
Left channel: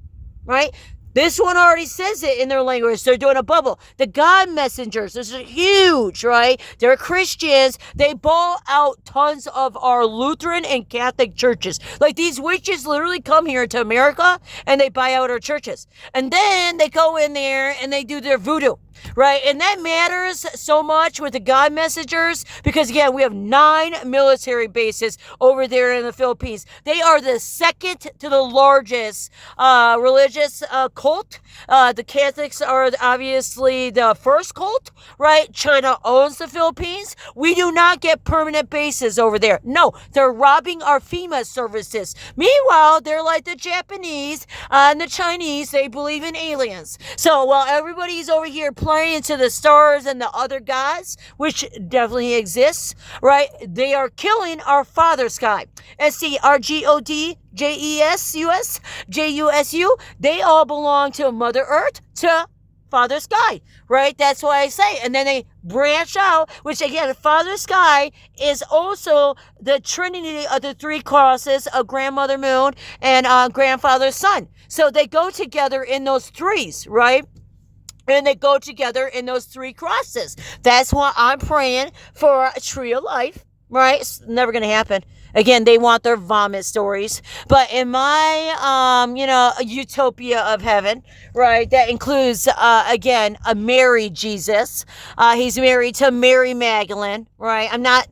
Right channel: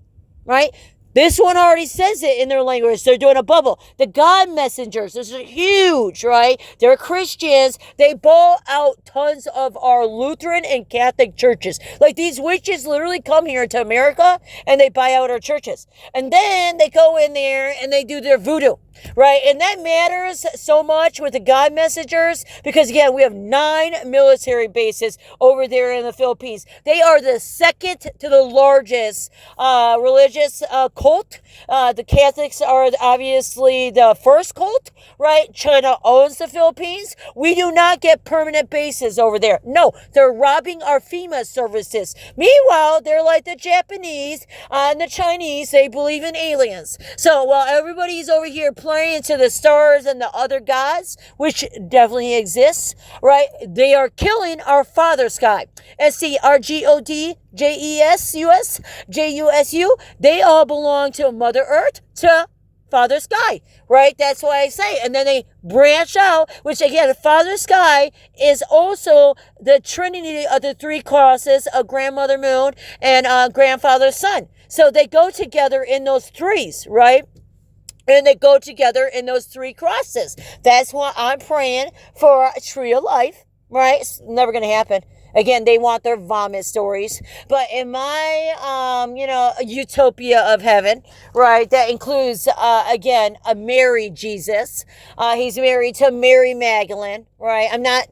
This one already says it in their language. They're doing a bubble. The God messengers, this is huge, right? They're Christians. They ball out tons of our Lutheran and Catholic churches. Like, these witches literally come here to America and they buy out our churches. And then they go in there and they do their voodoo, right? And that matters so much with the God messengers because, again, we have 9 military bases over there in the Philippines. They are the second to the largest religious cult. The Catholics are obviously the first cult, right? China owns the Philippines. We do not get permanent bases over there. No, they're robbing our FEMA services. Meanwhile, they're like the Japanese and the Chinese. They believe in aliens. So while everybody's over here playing to the stars and the other gods, which definitely exists, right? They are killing our father sky. SCRGOD, JESUS, JUSU, they all belong to Mother Earth, to Father Sky, right? That's why I say. And then they branch out, which again, Father Sky is also the trinity of the 3 crosses of Grandmother Moon and Grandfather Sun. So they go together in those threes, right? And they go together in those 3 crosses. That's why I'm praying for a tree of life, right? It's never going to happen. Again, they want their vomit stories. But in my, utopia of heaven, right, that includes, again, a Mary Jesus. He's married to Mary Magdalene, right? I'm not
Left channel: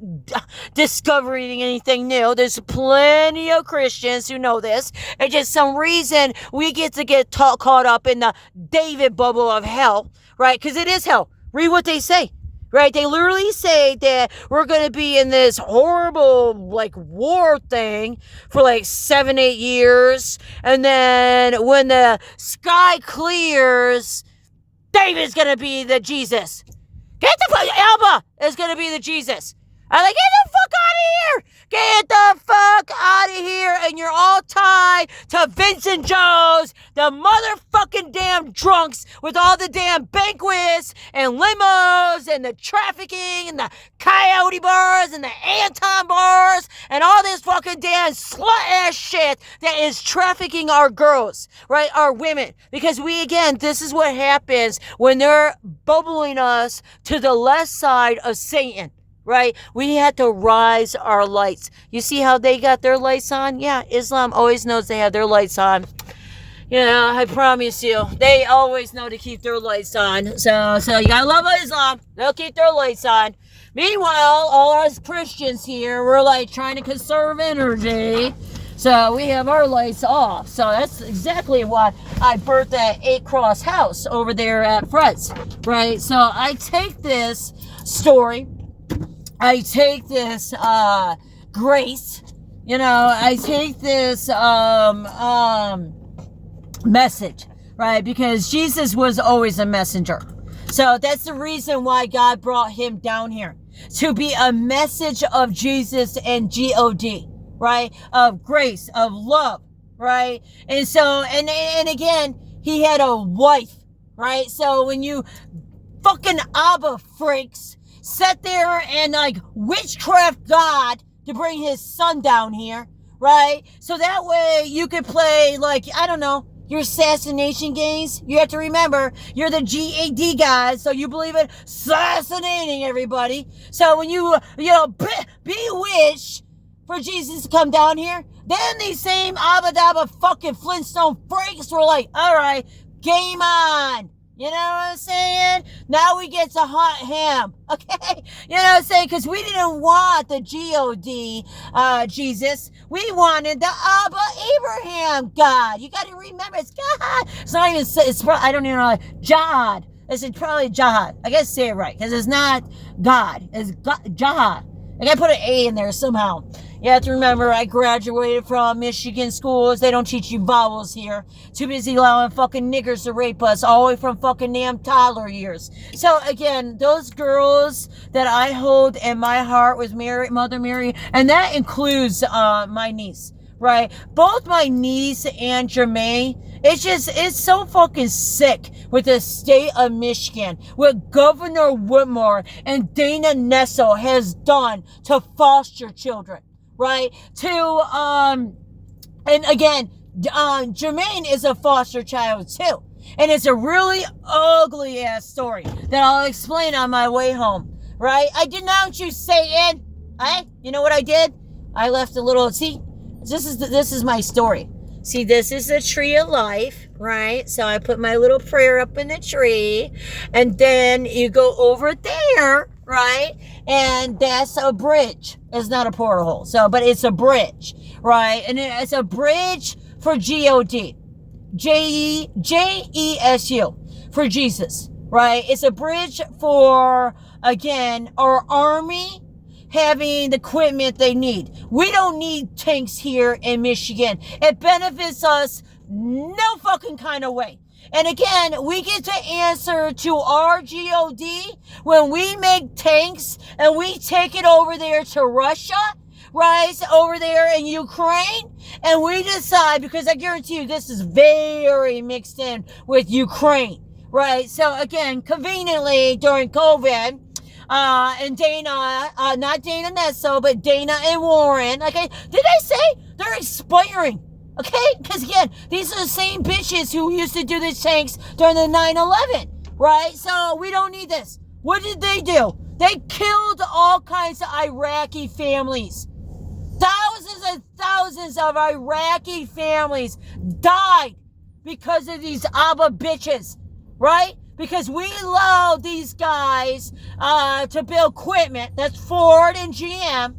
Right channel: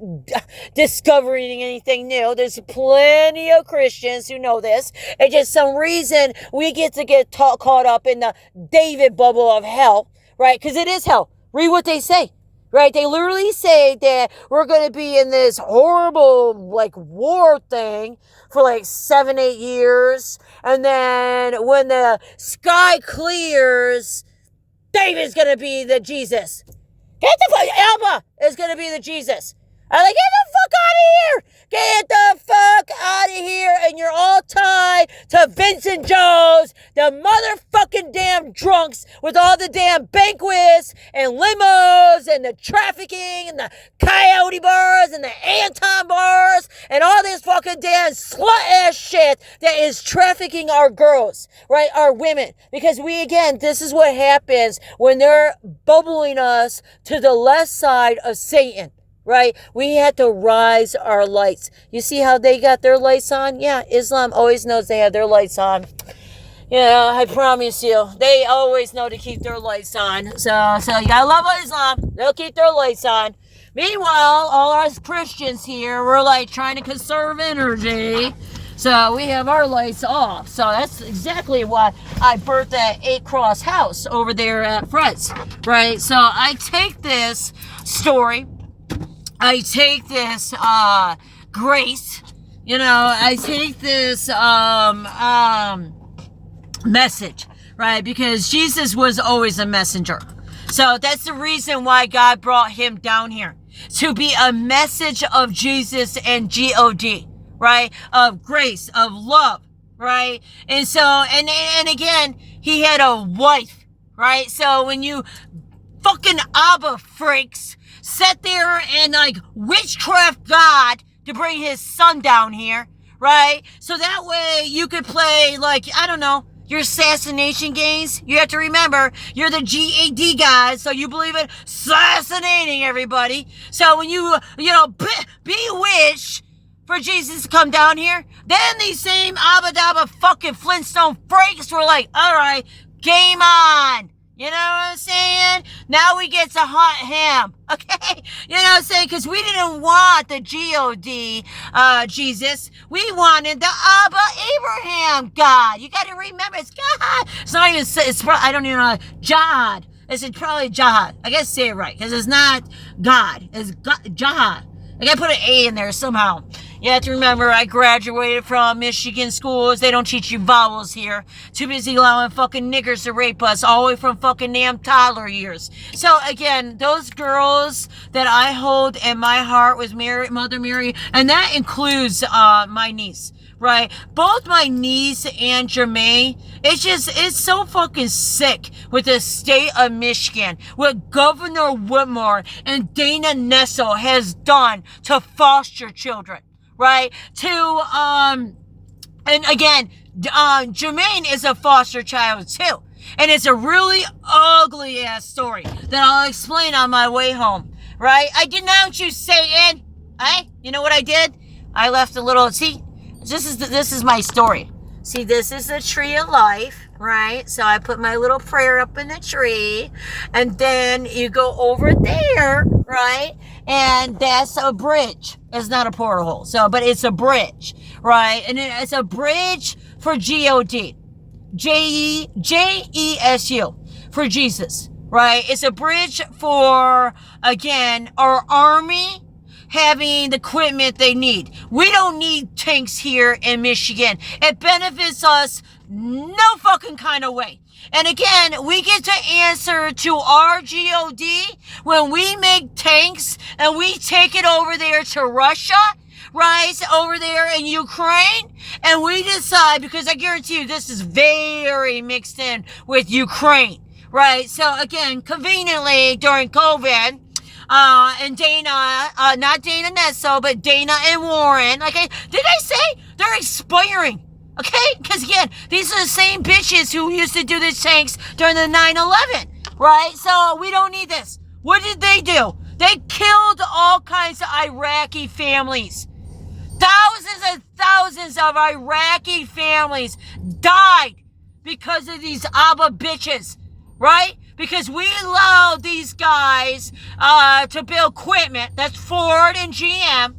discovering anything new. There's plenty of Christians who know this. And just some reason we get to get caught up in the David bubble of hell, right? Because it is hell. Read what they say. Right? They literally say that we're going to be in this horrible, war thing for 7-8 years. And then when the sky clears, David's going to be the Jesus. Alba is going to be the Jesus. I'm like, get the fuck out of here! Get the fuck out of here! And you're all tied to Vincent Jones, the motherfucking damn drunks with all the damn banquets and limos and the trafficking and the coyote bars and the Anton bars and all this fucking damn slut-ass shit that is trafficking our girls, right? Our women. Because this is what happens when they're bubbling us to the left side of Satan. Right? We had to rise our lights. You see how they got their lights on? Yeah, Islam always knows they have their lights on. Yeah, I promise you. They always know to keep their lights on. So you gotta love Islam. They'll keep their lights on. Meanwhile, all us Christians here, we're trying to conserve energy. So we have our lights off. So that's exactly why I birthed that 8-cross house over there at Fred's. Right? So I take this story. I take this grace, I take this message, right? Because Jesus was always a messenger. So that's the reason why God brought him down here. To be a message of Jesus and GOD, right? Of grace, of love, right? And so, and again, he had a wife, right? So when you fucking Abba freaks sat there and witchcraft God to bring his son down here, right? So that way you could play I don't know, your assassination games. You have to remember, you're the GAD guys, so you believe in assassinating everybody. So when you bewitch for Jesus to come down here, then these same Abba Dabba fucking Flintstone freaks were like, all right, game on. You know what I'm saying? Now we get to hunt him. Okay? You know what I'm saying? Because we didn't want the GOD, Jesus. We wanted the Abba Abraham God. You got to remember, it's God. It's not even, I don't even know, Jihad. It's probably Jihad. I gotta say it right. Because it's not God. It's Jihad. I gotta put an A in there somehow. You have to remember, I graduated from Michigan schools. They don't teach you vowels here. Too busy allowing fucking niggers to rape us all the way from fucking damn toddler years. So again, those girls that I hold in my heart with Mother Mary, and that includes my niece. Right? Both my niece and Jermaine, it's so fucking sick with the state of Michigan, what Governor Whitmore and Dana Nessel has done to foster children, right? And again, Jermaine is a foster child too. And it's a really ugly ass story that I'll explain on my way home, right? I denounce you, Satan. Hey, you know what I did? I left a little, this is my story. See, this is the tree of life, right? So I put my little prayer up in the tree, and then you go over there, right? And that's a bridge. It's not a portal, but it's a bridge, right? And it's a bridge for GOD, Jesu, for Jesus, right? It's a bridge for, again, our army having the equipment they need. We don't need tanks here in Michigan. It benefits us no fucking kind of way. And again, we get to answer to our GOD when we make tanks and we take it over there to Russia, right? Over there in Ukraine. And we decide, because I guarantee you this is very mixed in with Ukraine, right? So again, conveniently during COVID, and Dana, not Dana Nesso, but Dana and Warren. Did I say they're expiring? Okay? Because again, these are the same bitches who used to do the tanks during the 9/11, right? So we don't need this. What did they do? They killed all kinds of Iraqi families. Thousands and thousands of Iraqi families died because of these Abba bitches, right? Because we allowed these guys to build equipment. That's Ford and GM.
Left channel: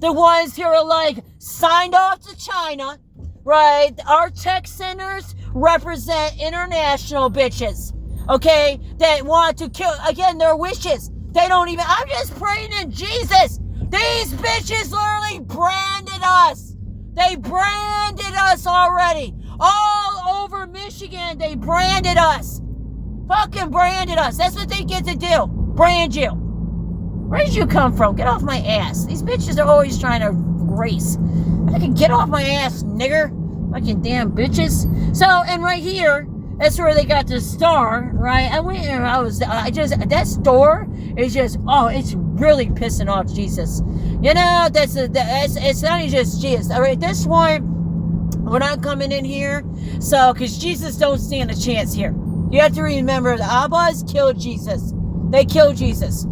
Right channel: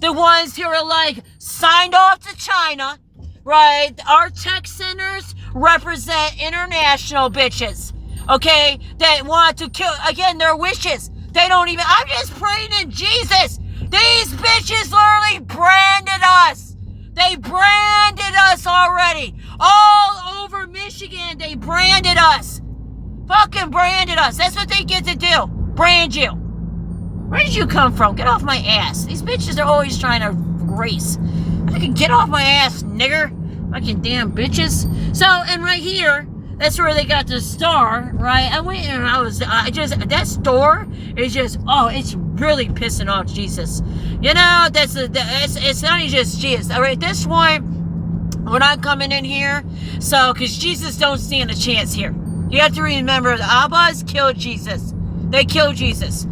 The ones who are like signed off to China, right? Our tech centers represent international bitches, okay? That want to kill, again, their wishes. They don't even, I'm just praying in Jesus. These bitches literally branded us. They branded us already. All over Michigan, they branded us. Fucking branded us. That's what they get to do. Brand you. Where did you come from? Get off my ass. These bitches are always trying to race. I can get off my ass, nigger. Fucking damn bitches. So, and right here, that's where they got the star, right? That store is just, oh, it's really pissing off Jesus. You know, it's not just Jesus. All right, this one, we're not coming in here. So, because Jesus don't stand a chance here. You have to remember, the Abbas killed Jesus. They killed Jesus.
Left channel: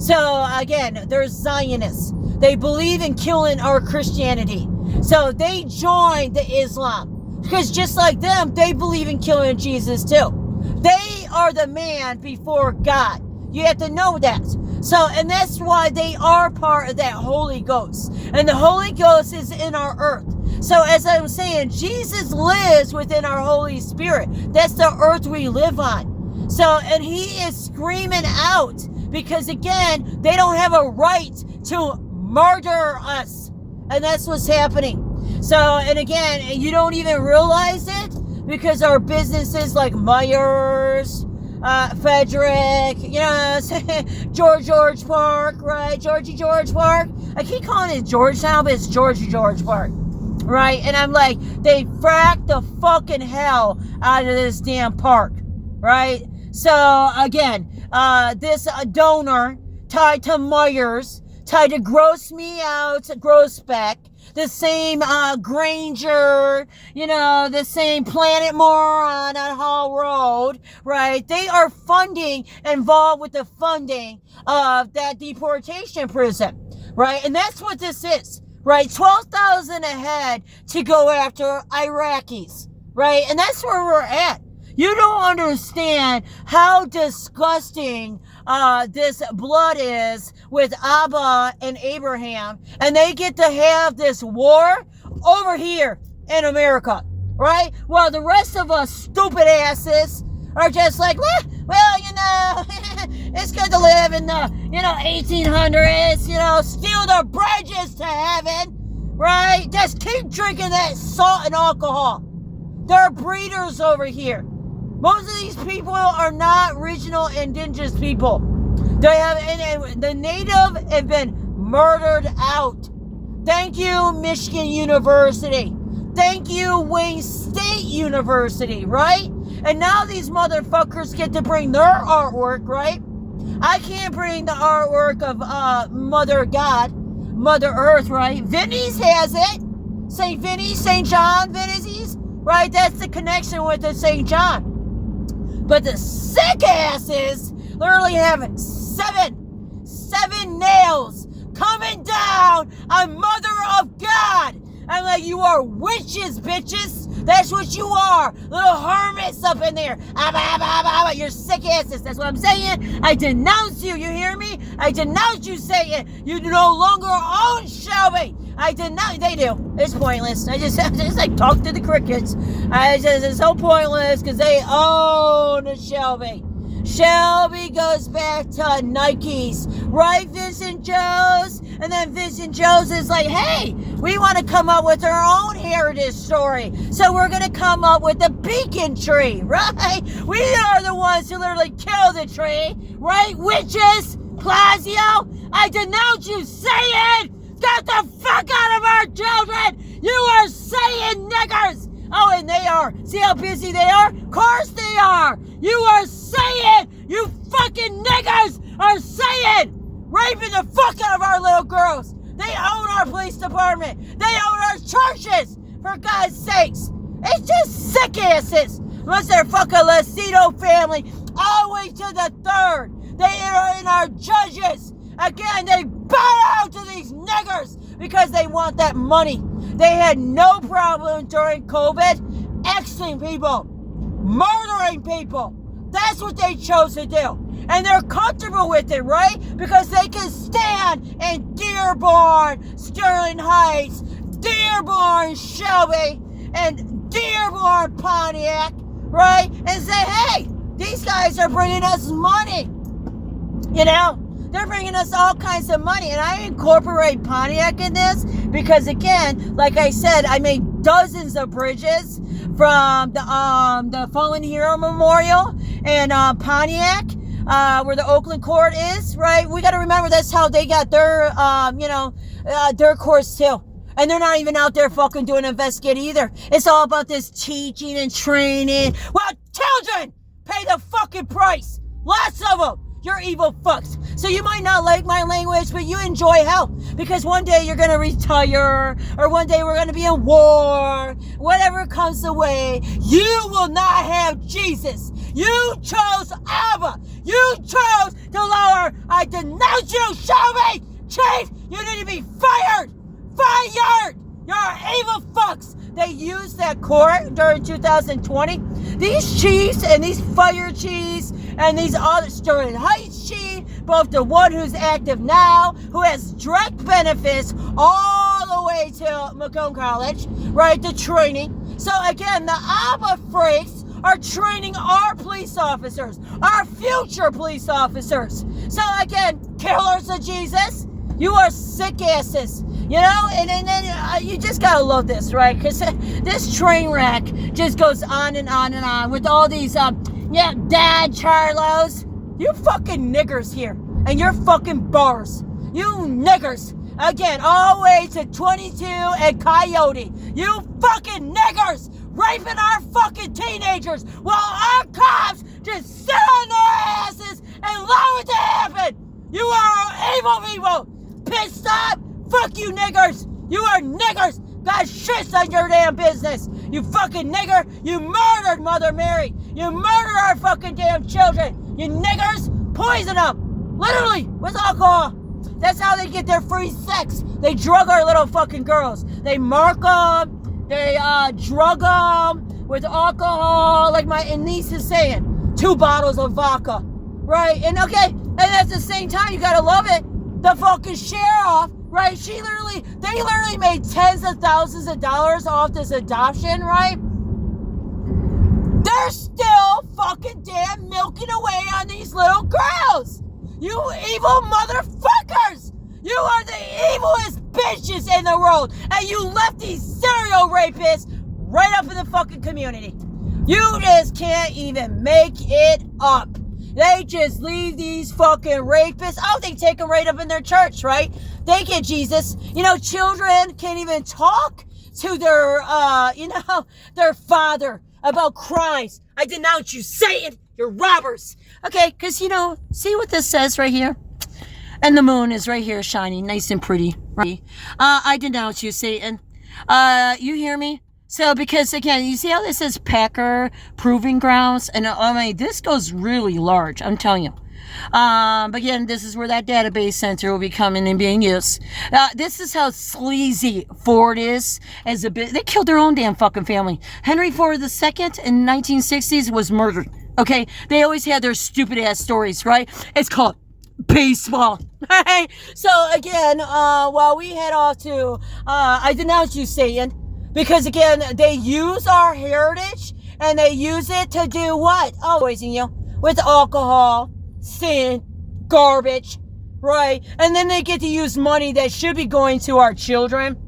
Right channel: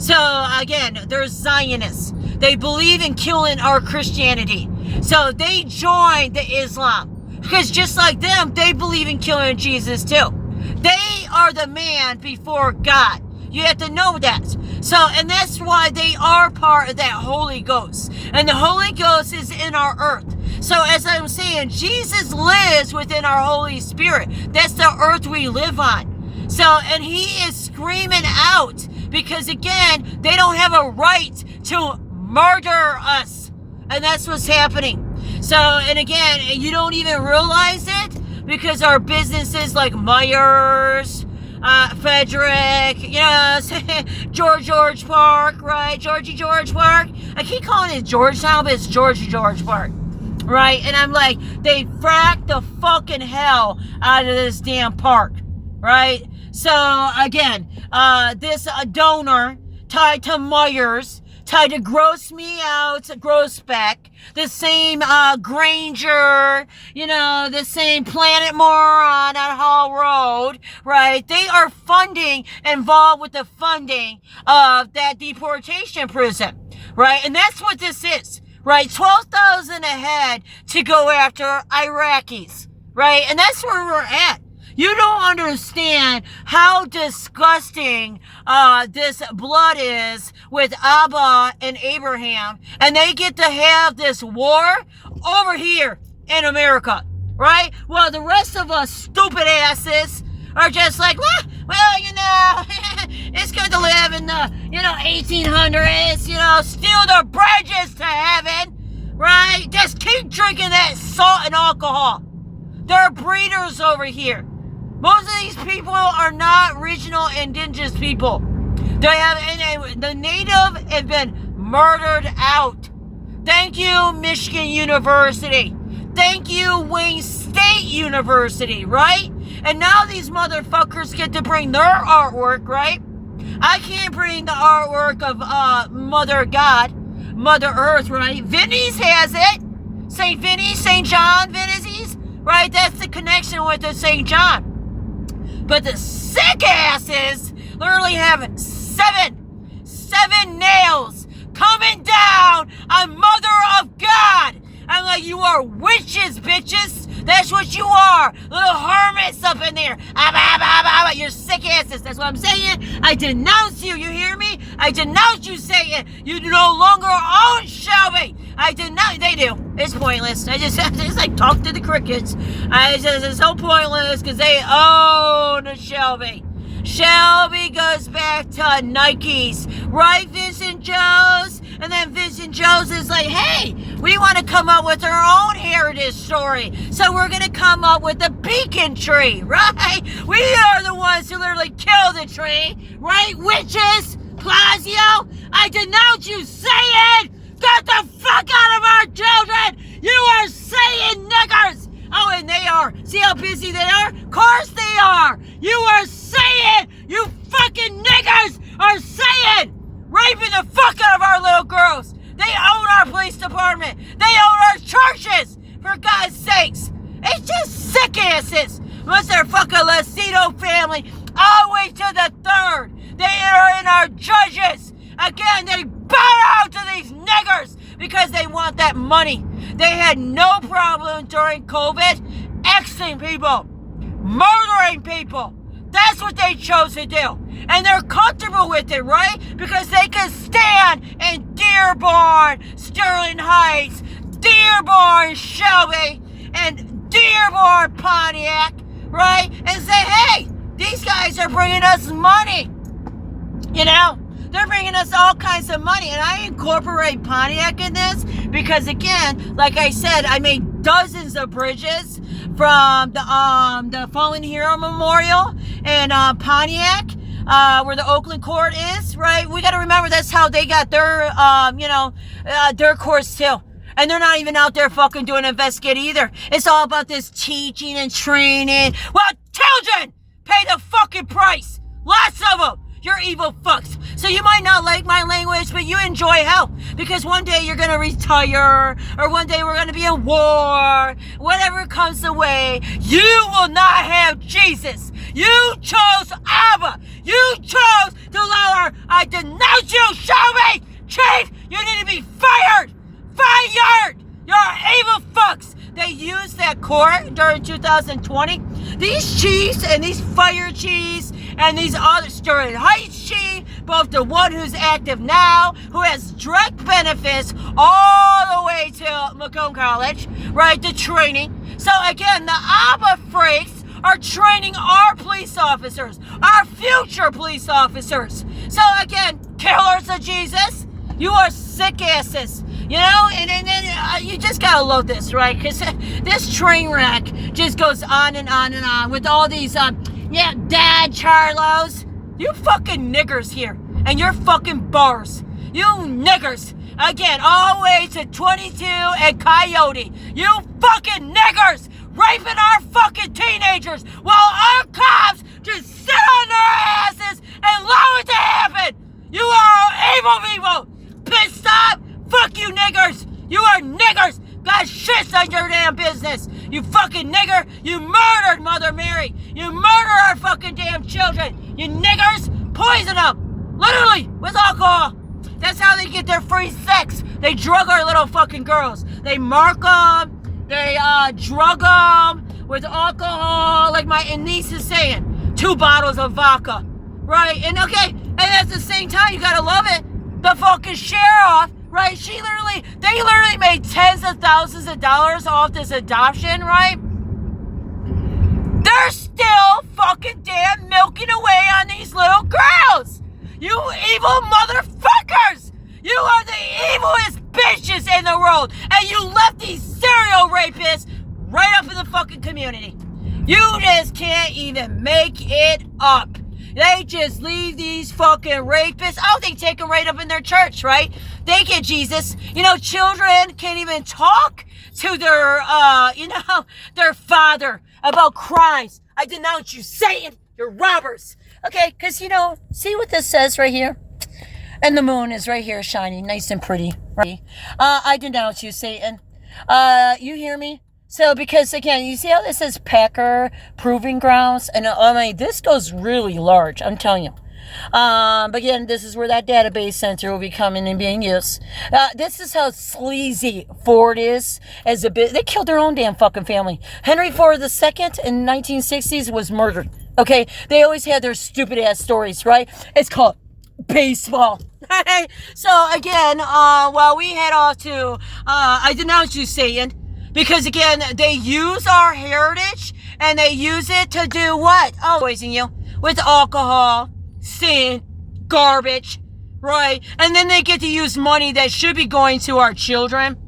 So, again, they're Zionists. They believe in killing our Christianity. So, they joined the Islam. Because just like them, they believe in killing Jesus too. They are the man before God. You have to know that. So, and that's why they are part of that Holy Ghost. And the Holy Ghost is in our earth. So as I'm saying, Jesus lives within our Holy Spirit. That's the earth we live on. So, and he is screaming out because again, they don't have a right to murder us. And that's what's happening. So, and again, you don't even realize it because our businesses like Myers, Frederick, you know, George Park, right? George Park. I keep calling it Georgetown, but it's George Park, right? And I'm like, they fracked the fucking hell out of this damn park, right? So, again, this donor tied to Myers, tied to Gross Me Out, Grossbeck, the same Granger, you know, the same Planet Moron on Hall Road, right? They are involved with the funding of that deportation prison, right? And that's what this is, right? 12,000 a head to go after Iraqis, right? And that's where we're at. You don't understand how disgusting this blood is with Abba and Abraham. And they get to have this war over here in America, right? While the rest of us stupid asses are just like, well, you know, it's good to live in the, 1800s, steal the bridges to heaven, right? Just keep drinking that salt and alcohol. They're breeders over here. Most of these people are not regional indigenous people. The native have been murdered out. Thank you, Michigan University. Thank you, Wayne State University, right? And now these motherfuckers get to bring their artwork, right? I can't bring the artwork of Mother God, Mother Earth, right? Vinny's has it. St. Vinny, St. John, Vinny's, right? That's the connection with the St. John. But the sick asses literally have seven nails coming down on Mother of God. I'm like, you are witches, bitches. That's what you are. Little hermits up in there. You're sick asses. That's what I'm saying. I denounce you. You hear me? I denounce you, Satan. You no longer own Shelby. I denounce. They do. It's pointless. I just like talk to the crickets. It's so pointless because they own Shelby. Shelby goes back to Nikes, right, Vincent Jones? And then Vincent Jones is like, hey, we want to come up with our own heritage story. So we're going to come up with the beacon tree, right? We are the ones who literally kill the tree, right, witches? Plasio, I denounce you, Satan! Get the fuck out of our children! You are Satan niggers! Oh, and they are. See how busy they are? Of course they are. You are saying, you fucking niggers are saying, raping the fuck out of our little girls. They own our police department. They own our churches. For God's sakes. It's just sick asses. Unless they're fucking Lasito family. All the way to the third. They are in our judges. Again, they bow out to these niggers. because they want that money. They had no problem during COVID Xing people, murdering people. That's what they chose to do. And they're comfortable with it, right? Because they can stand in Dearborn, Sterling Heights, Dearborn, Shelby, and Dearborn, Pontiac, right? And say, hey, these guys are bringing us money. You know? They're bringing us all kinds of money. And I incorporate Pontiac in this because, again, like I said, I made dozens of bridges from the Fallen Hero Memorial in Pontiac, where the Oakland court is, right? We got to remember that's how they got their, their courts too. And they're not even out there fucking doing an investigate either. It's all about this teaching and training. Well, children pay the fucking price. Lots of them. You're evil fucks. So you might not like my language, but you enjoy hell. Because one day you're going to retire, or one day we're going to be in war. Whatever comes the way, you will not have Jesus. You chose Abba. You chose the Lord. I denounce you. Show me. Chief, you need to be fired. Fired. You're evil fucks. They used that court during 2020. These chiefs and these fire chiefs and these other Sterling Heights chief, both the one who's active now, who has direct benefits all the way to Macomb College, right, the training. So again, the ABBA freaks are training our police officers, our future police officers. So again, killers of Jesus, you are sick asses. You know, and then you just gotta love this, right? Because this train wreck just goes on and on and on with all these, dad Charlos. You fucking niggers here. And your fucking bars. You niggers. Again, all the way to 22 and Coyote. You fucking niggers raping our fucking teenagers while our cops just sit on their asses and allow it to happen. You are evil people. Pissed off. Fuck you niggers! You are niggers! God shits on your damn business! You fucking nigger! You murdered Mother Mary! You murder our fucking damn children! You niggers! Poison them! Literally! With alcohol! That's how they get their free sex! They drug our little fucking girls! They mark them! They drug them with alcohol, like my niece is saying. 2 bottles of vodka. Right? And okay, and at the same time, you gotta love it. The fucking sheriff, right? They literally made tens of thousands of dollars off this adoption, right? They're still fucking damn milking away on these little girls. You evil motherfuckers. You are the evilest bitches in the world. And you left these serial rapists right up in the fucking community. You just can't even make it up. They just leave these fucking rapists. Oh, they take them right up in their church, right? They get Jesus. You know, children can't even talk to their, their father about Christ. I denounce you, Satan. You're robbers. Okay, because, see what this says right here? And the moon is right here shining, nice and pretty, right? I denounce you, Satan. You hear me? So, because again, you see how this says Packer Proving Grounds? And this goes really large, I'm telling you. But again, this is where that database center will be coming and being used. This is how sleazy Ford is as a bit. They killed their own damn fucking family. Henry Ford II in 1960s was murdered. Okay? They always had their stupid ass stories, right? It's called baseball. So, again, while we head off to, I denounce you, Satan. Because, again, they use our heritage and they use it to do what? Oh, poison you with alcohol, sin, garbage, right? And then they get to use money that should be going to our children.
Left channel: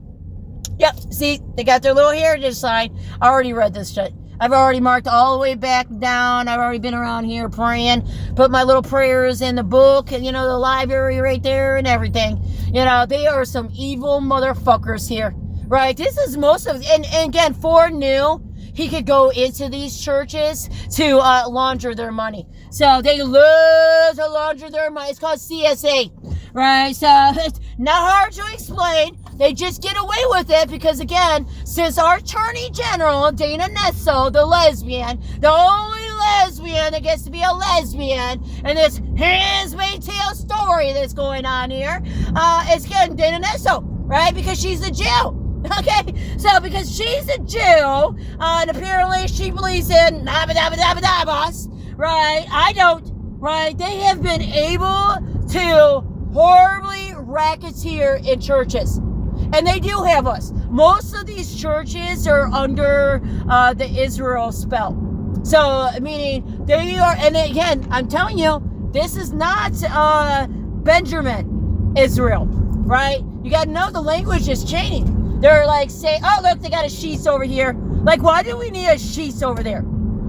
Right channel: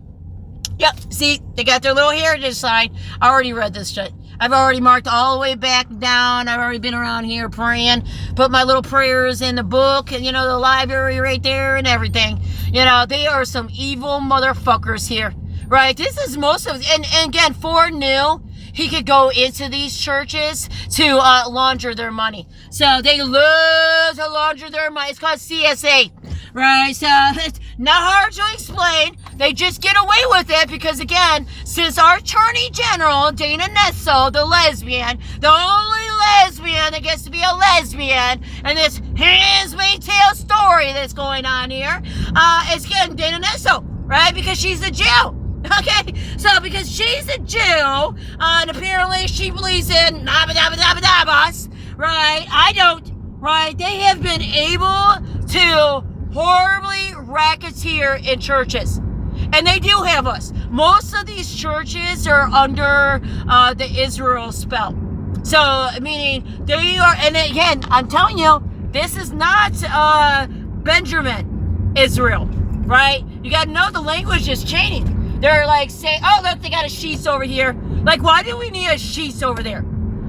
Yep, see, they got their little heritage sign. I already read this shit. I've already marked all the way back down. I've already been around here praying, put my little prayers in the book and, the library right there and everything. They are some evil motherfuckers here. Right, this is most of, and again, Ford knew he could go into these churches to launder their money. So they love to launder their money. It's called CSA, right? So it's not hard to explain. They just get away with it because, again, since our Attorney General, Dana Nessel, the lesbian, the only lesbian that gets to be a lesbian, and this Handmaid's Tale story that's going on here, it's again, Dana Nessel. right? Because she's a Jew. Okay, so because she's a Jew, and apparently she believes in Abbas, right? I don't, right? They have been able to horribly racketeer in churches. And they do have us. Most of these churches are under the Israel spell. So, meaning they are, and again, I'm telling you, this is not Benjamin Israel, right? You got to know the language is changing. They're like saying, oh, look, they got a sheath over here. Like, why do we need a sheath over there?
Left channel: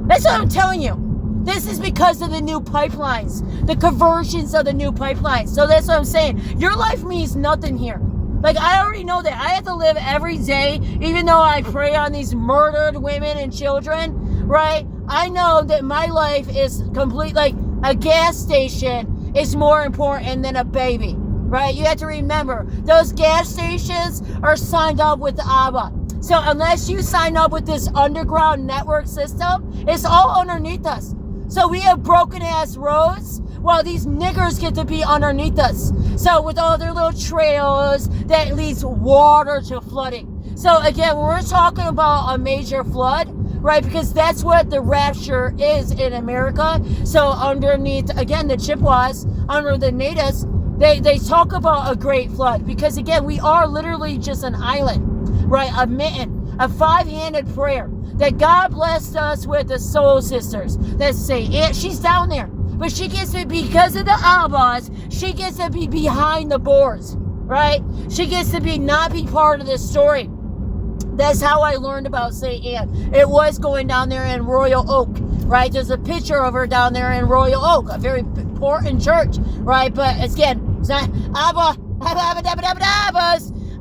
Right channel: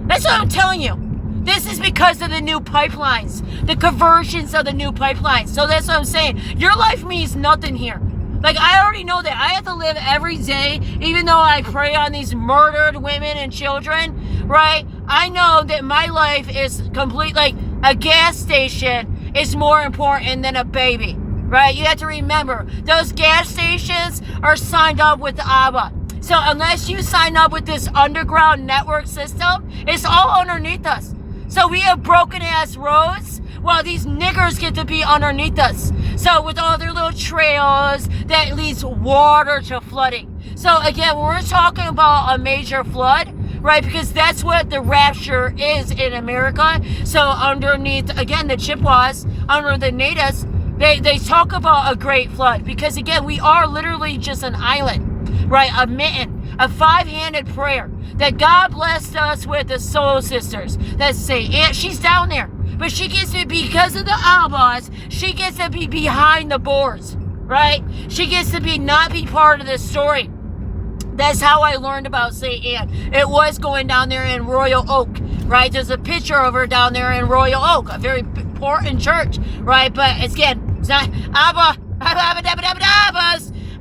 That's what I'm telling you. This is because of the new pipelines, the conversions of the new pipelines. So that's what I'm saying. Your life means nothing here. Like, I already know that. I have to live every day, even though I pray on these murdered women and children, right? I know that my life is complete, like a gas station is more important than a baby, right? You have to remember, those gas stations are signed up with Abba. So unless you sign up with this underground network system, it's all underneath us. So we have broken ass roads while these niggers get to be underneath us. So with all their little trails that leads water to flooding. So again, we're talking about a major flood, right? Because that's what the rapture is in America. So underneath, again, the Chippewas, under the natives, they talk about a great flood. Because again, we are literally just an island, right? A mitten, a five-handed prayer that God blessed us with the soul sisters that say, and she's down there. But she gets to, because of the Abbas, she gets to be behind the boards, right? She gets to not be part of this story. That's how I learned about St. Anne. It was going down there in Royal Oak, right? There's a picture of her down there in Royal Oak, a very important church, right? But again, it's not Abbas.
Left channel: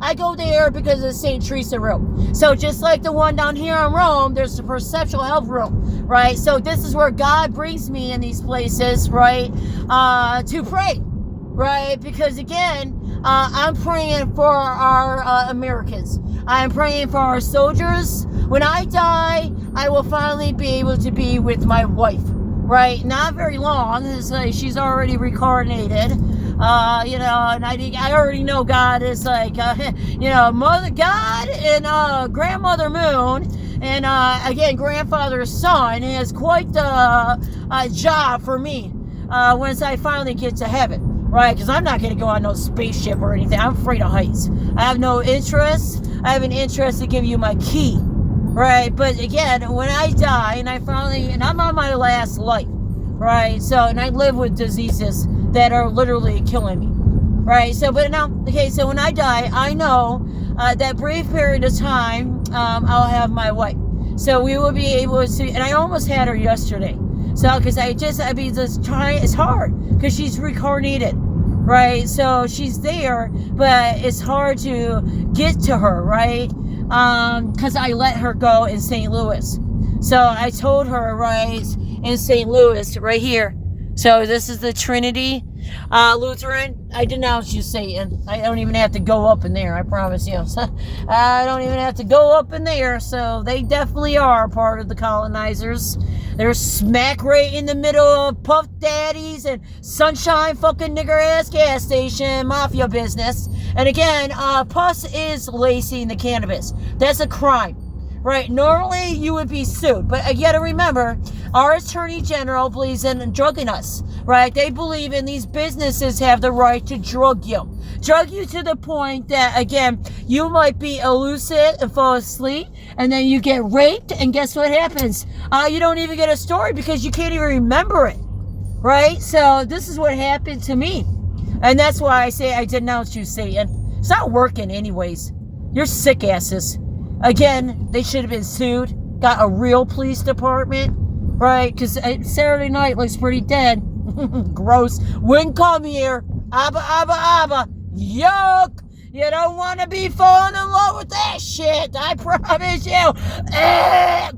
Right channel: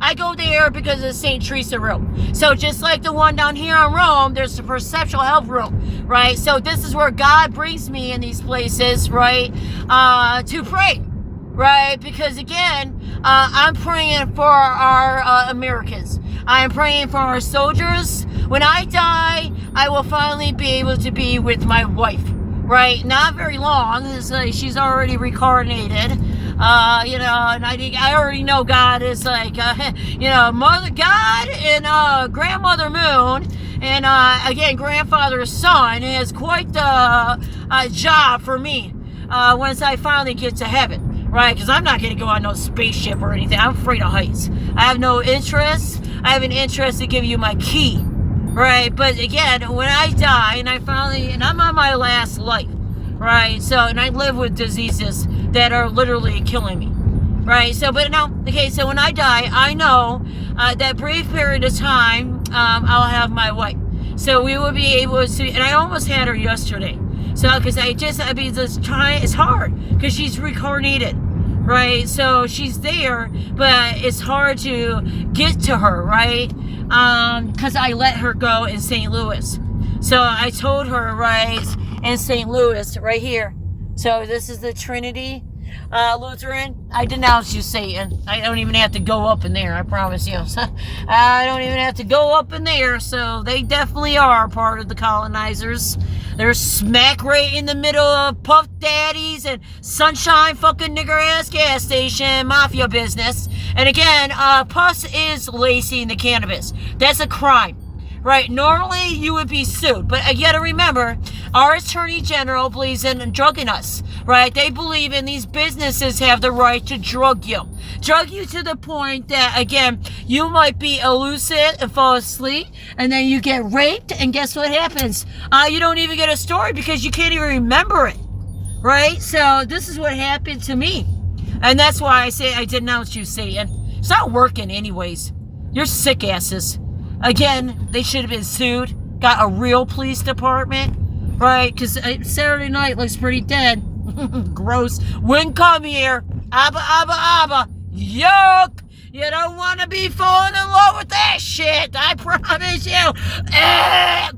I go there because of St. Teresa room. So just like the one down here in Rome, there's the perceptual health room, right? So this is where God brings me in these places, right? To pray, right? Because again, I'm praying for our Americans. I'm praying for our soldiers. When I die, I will finally be able to be with my wife, right? Not very long. It's like she's already reincarnated. And I already know God is like, Mother God and Grandmother Moon, and again, Grandfather's son is quite the job for me once I finally get to heaven, right? Because I'm not going to go on no spaceship or anything. I'm afraid of heights. I have no interest. I have an interest to give you my key, right? But again, when I die and I'm on my last life, right? So, and I live with diseases that are literally killing me, right? So, but now, okay, so when I die, I know that brief period of time, I'll have my wife. So we will be able to, and I almost had her yesterday. So, because it's hard, because she's reincarnated, right? So she's there, but it's hard to get to her, right? Because I let her go in St. Louis. So I told her, right, in St. Louis, right here. So this is the Trinity Lutheran. I denounce you, Satan. I don't even have to go up in there, I promise you. I don't even have to go up in there. So they definitely are part of the colonizers. They're smack right in the middle of Puff Daddies and Sunshine fucking nigger ass gas station mafia business. And again, Puss is lacing the cannabis. That's a crime. Right, normally you would be sued, but you gotta remember, our Attorney General believes in drugging us, right? They believe in these businesses have the right to drug you to the point that, again, you might be lucid and fall asleep, and then you get raped, and guess what happens? You don't even get a story because you can't even remember it, right? So this is what happened to me, and that's why I say I denounce you, Satan. It's not working anyways. You're sick asses. Again, they should have been sued, got a real police department, right? Because Saturday night looks pretty dead. Gross. Wouldn't come here. Abba. Yuck. You don't want to be falling in love with that shit. I promise you.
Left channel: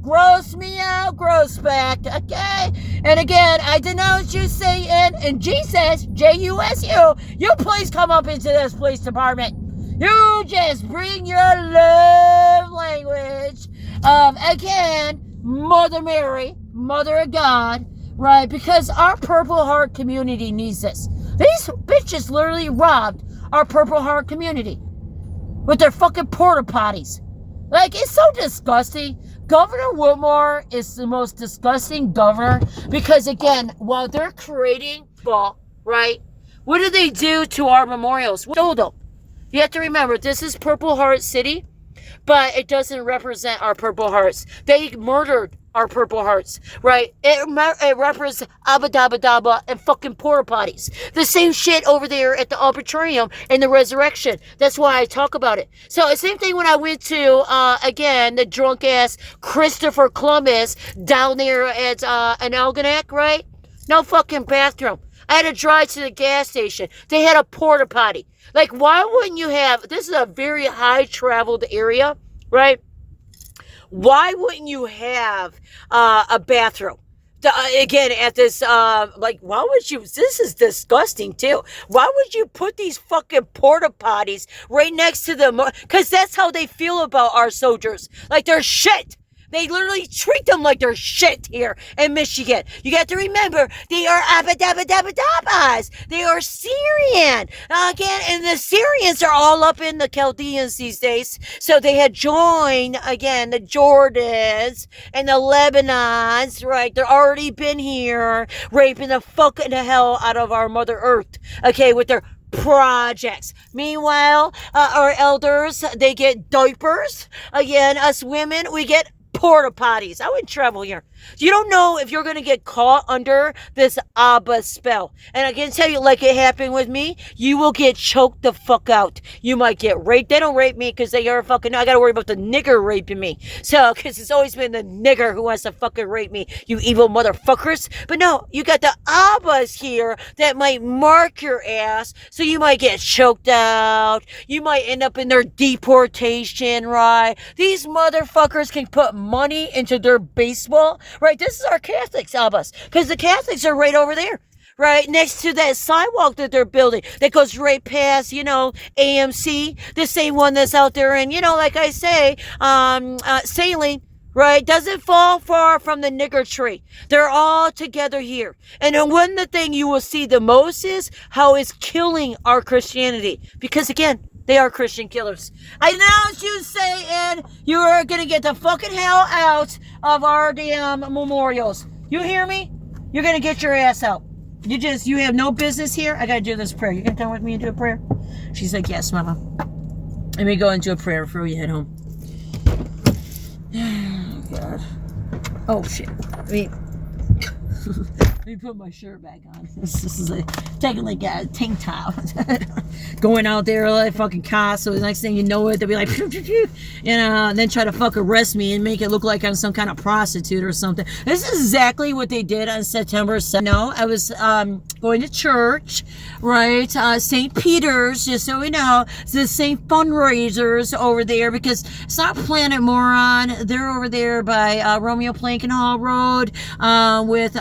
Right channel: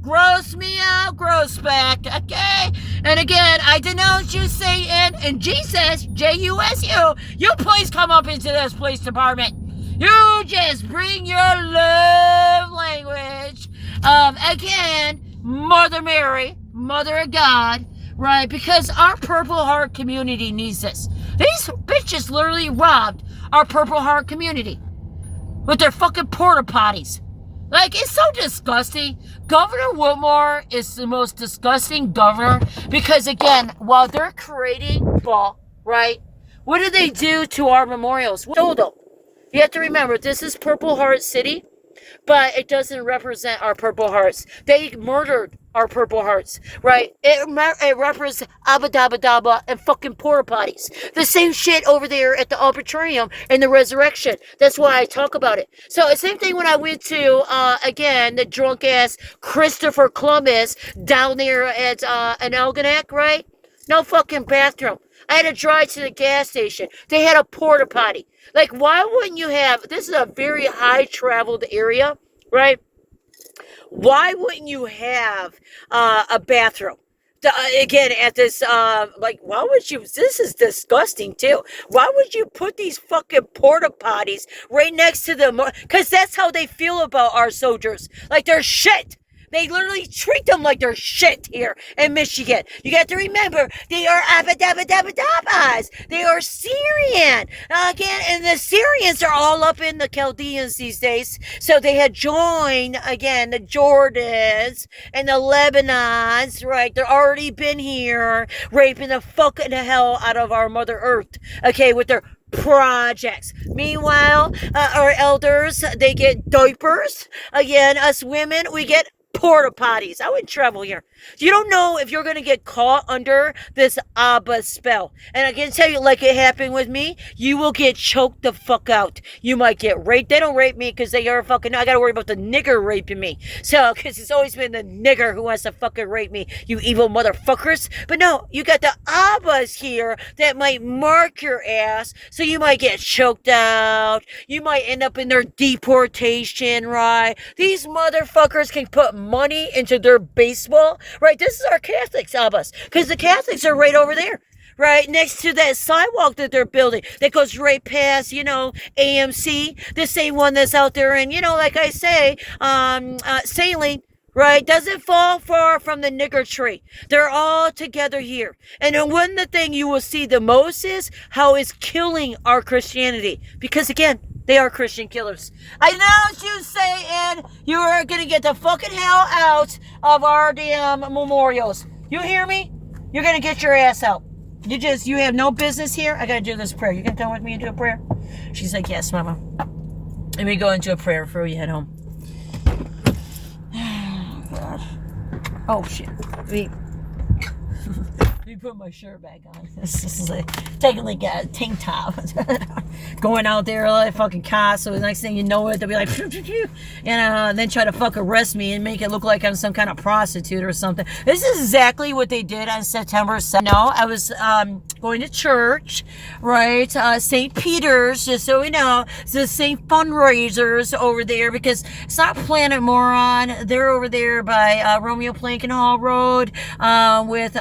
Gross me out, gross back. Okay? And again, I denounce you, Satan, and Jesus, J-U-S-U. You please come up into this police department. You just bring your love language of, again, Mother Mary, Mother of God, right? Because our Purple Heart community needs this. These bitches literally robbed our Purple Heart community. with their fucking porta potties. Like, it's so disgusting. Governor Whitmore is the most disgusting governor because, again, while they're creating ball, right, what do they do to our memorials? Dildo. You have to remember, this is Purple Heart City, but it doesn't represent our Purple Hearts. They murdered our Purple Hearts, right? It represents Abba Dabba Dabba and fucking porta potties. The same shit over there at the Arbitrarium and the Resurrection. That's why I talk about it. So the same thing when I went to, again, the drunk ass Christopher Columbus down there at an Algonac, right? No fucking bathroom. I had to drive to the gas station. They had a porta potty. Like, why wouldn't you have, this is a very high traveled area, right? Why wouldn't you have a bathroom? Again, at this, like, why would you, this is disgusting too. Why would you put these fucking porta potties right next to them? Because that's how they feel about our soldiers. Like, they're shit. They literally treat them like they're shit here in Michigan. You got to remember, they are Abba-Dabba-Dabba-Dabbas. They are Syrian. Again, and the Syrians are all up in the Chaldeans these days. So they had joined, again, the Jordans and the Lebanons, right? They're already been here, raping the fucking hell out of our Mother Earth, okay, with their projects. Meanwhile, our elders, they get diapers. Again, us women, we get porta potties. I wouldn't travel here. You don't know if you're going to get caught under this Abba spell. And I can tell you, like it happened with me, you will get choked the fuck out. You might get raped. They don't rape me because they are fucking, I got to worry about the nigger raping me. So, because it's always been the nigger who wants to fucking rape me, you evil motherfuckers. But no, you got the Abbas here that might mark your ass. So you might get choked out. You might end up in their deportation, right? These motherfuckers can put money into their baseball. Right, this is our Catholics, Abbas, because the Catholics are right over there, right, next to that sidewalk that they're building. That goes right past, you know, AMC, the same one that's out there, and, you know, like I say, Saline, right, doesn't fall far from the nigger tree. They're all together here. And then one of the thing you will see the most is how it's killing our Christianity, because, again, they are Christian killers. I know you, Satan, you are going to get the fucking hell out of our damn memorials. You hear me? You're going to get your ass out. You have no business here. I got to do this prayer. You can come with me and do a prayer? She's like, yes, mama. Let me go into a prayer before you head home. Oh, God. Oh, shit. Let me put my shirt back on. This is like taking like a tank top. Going out there like fucking cops. So the next thing you know it, they'll be like, and then try to fuck arrest me and make it look like I'm some kind of prostitute or something. This is exactly what they did on September 7th. No, I was going to church, right? St. Peter's, just so we know. It's the same fundraisers over there because it's not Planet Moron. They're over there by Romeo Plank and Hall Road with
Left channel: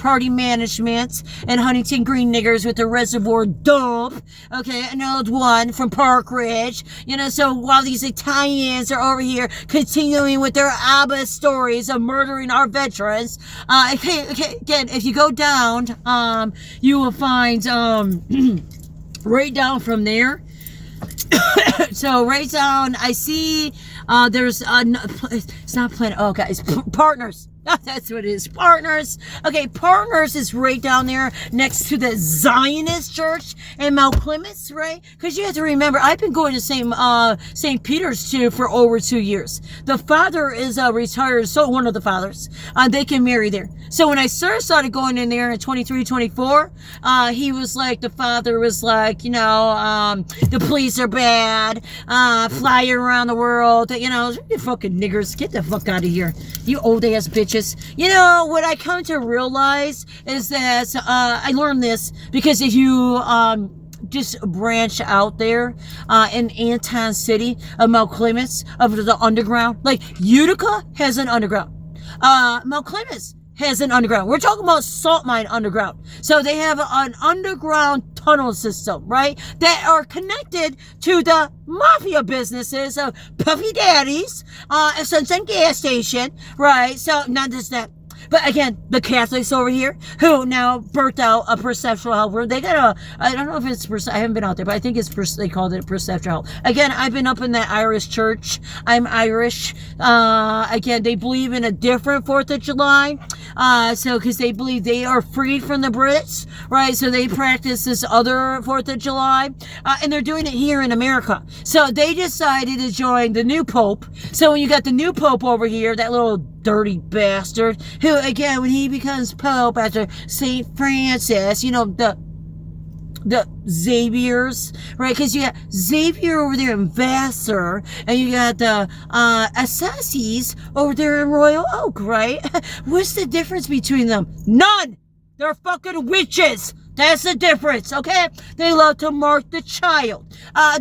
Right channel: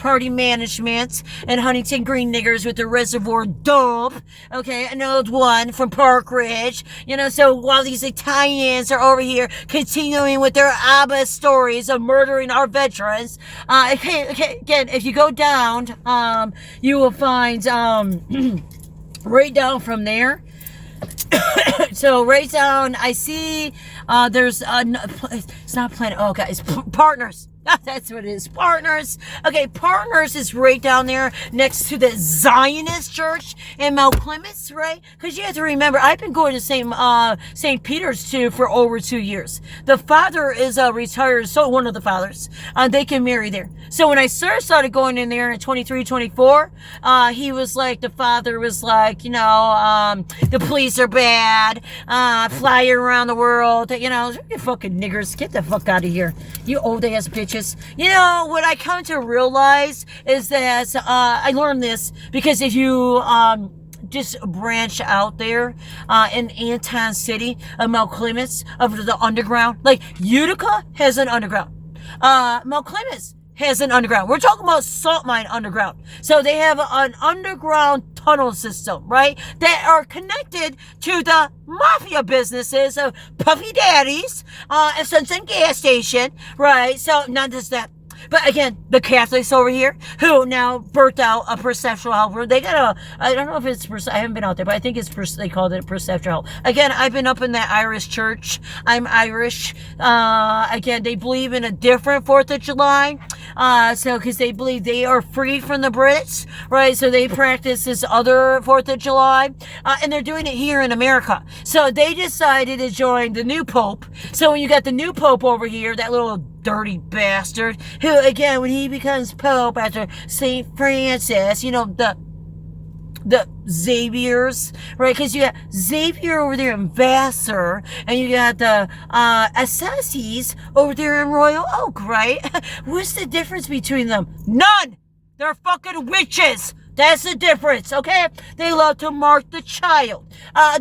party management and Huntington Green niggers with the reservoir dope. Okay, an old one from Park Ridge. You know, so while these Italians are over here continuing with their ABBA stories of murdering our veterans, again, if you go down, you will find right down from there. So right down, I see there's it's not Planet. Oh, okay, it's Partners. That's what it is. Partners. Okay, Partners is right down there next to the Zionist Church in Mount Clemens, right? Because you have to remember, I've been going to St. Peter's too for over 2 years. The father is retired, so one of the fathers. They can marry there. So when I first started going in there in 23, 24, he was like, the father was like, you know, the police are bad, fly around the world, you know, you fucking niggers, get the fuck out of here, you old ass bitches. You know, what I come to realize is that I learned this because if you just branch out there in Anton City of Mount Clemens of the underground, like Utica has an underground, Mount Clemens has an underground. We're talking about salt mine underground. So they have an underground tunnel system, right? That are connected to the mafia businesses of Puffy Daddies, and Sunset Gas Station, right? So not just that. But again, the Catholics over here, who now birthed out a perceptual helper, they got I don't know if it's, I haven't been out there, but I think it's, they called it perceptual help. Again, I've been up in that Irish church. I'm Irish. Again, they believe in a different 4th of July. So, because they believe they are free from the Brits, right? So they practice this other 4th of July, and they're doing it here in America. So they decided to join the new Pope. So when you got the new Pope over here, that little dirty bastard, who, again, when he becomes Pope after St. Francis, you know, the Xaviers, right? Because you got Xavier over there in Vassar, and you got the Assassis over there in Royal Oak, right? What's the difference between them? None! They're fucking witches! That's the difference, okay? They love to mark the child.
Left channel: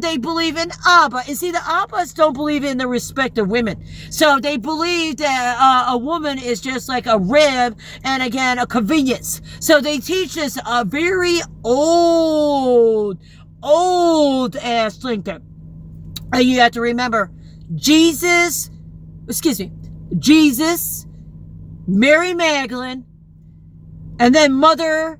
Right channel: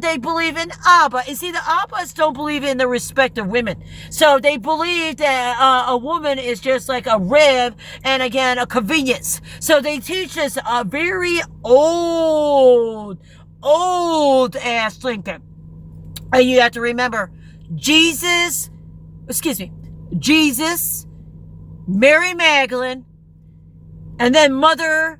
They believe in Abba. And see, the Abbas don't believe in the respect of women. So they believe that a woman is just like a rib and, again, a convenience. So they teach this very old-ass thinking. And you have to remember, Jesus, Mary Magdalene, and then Mother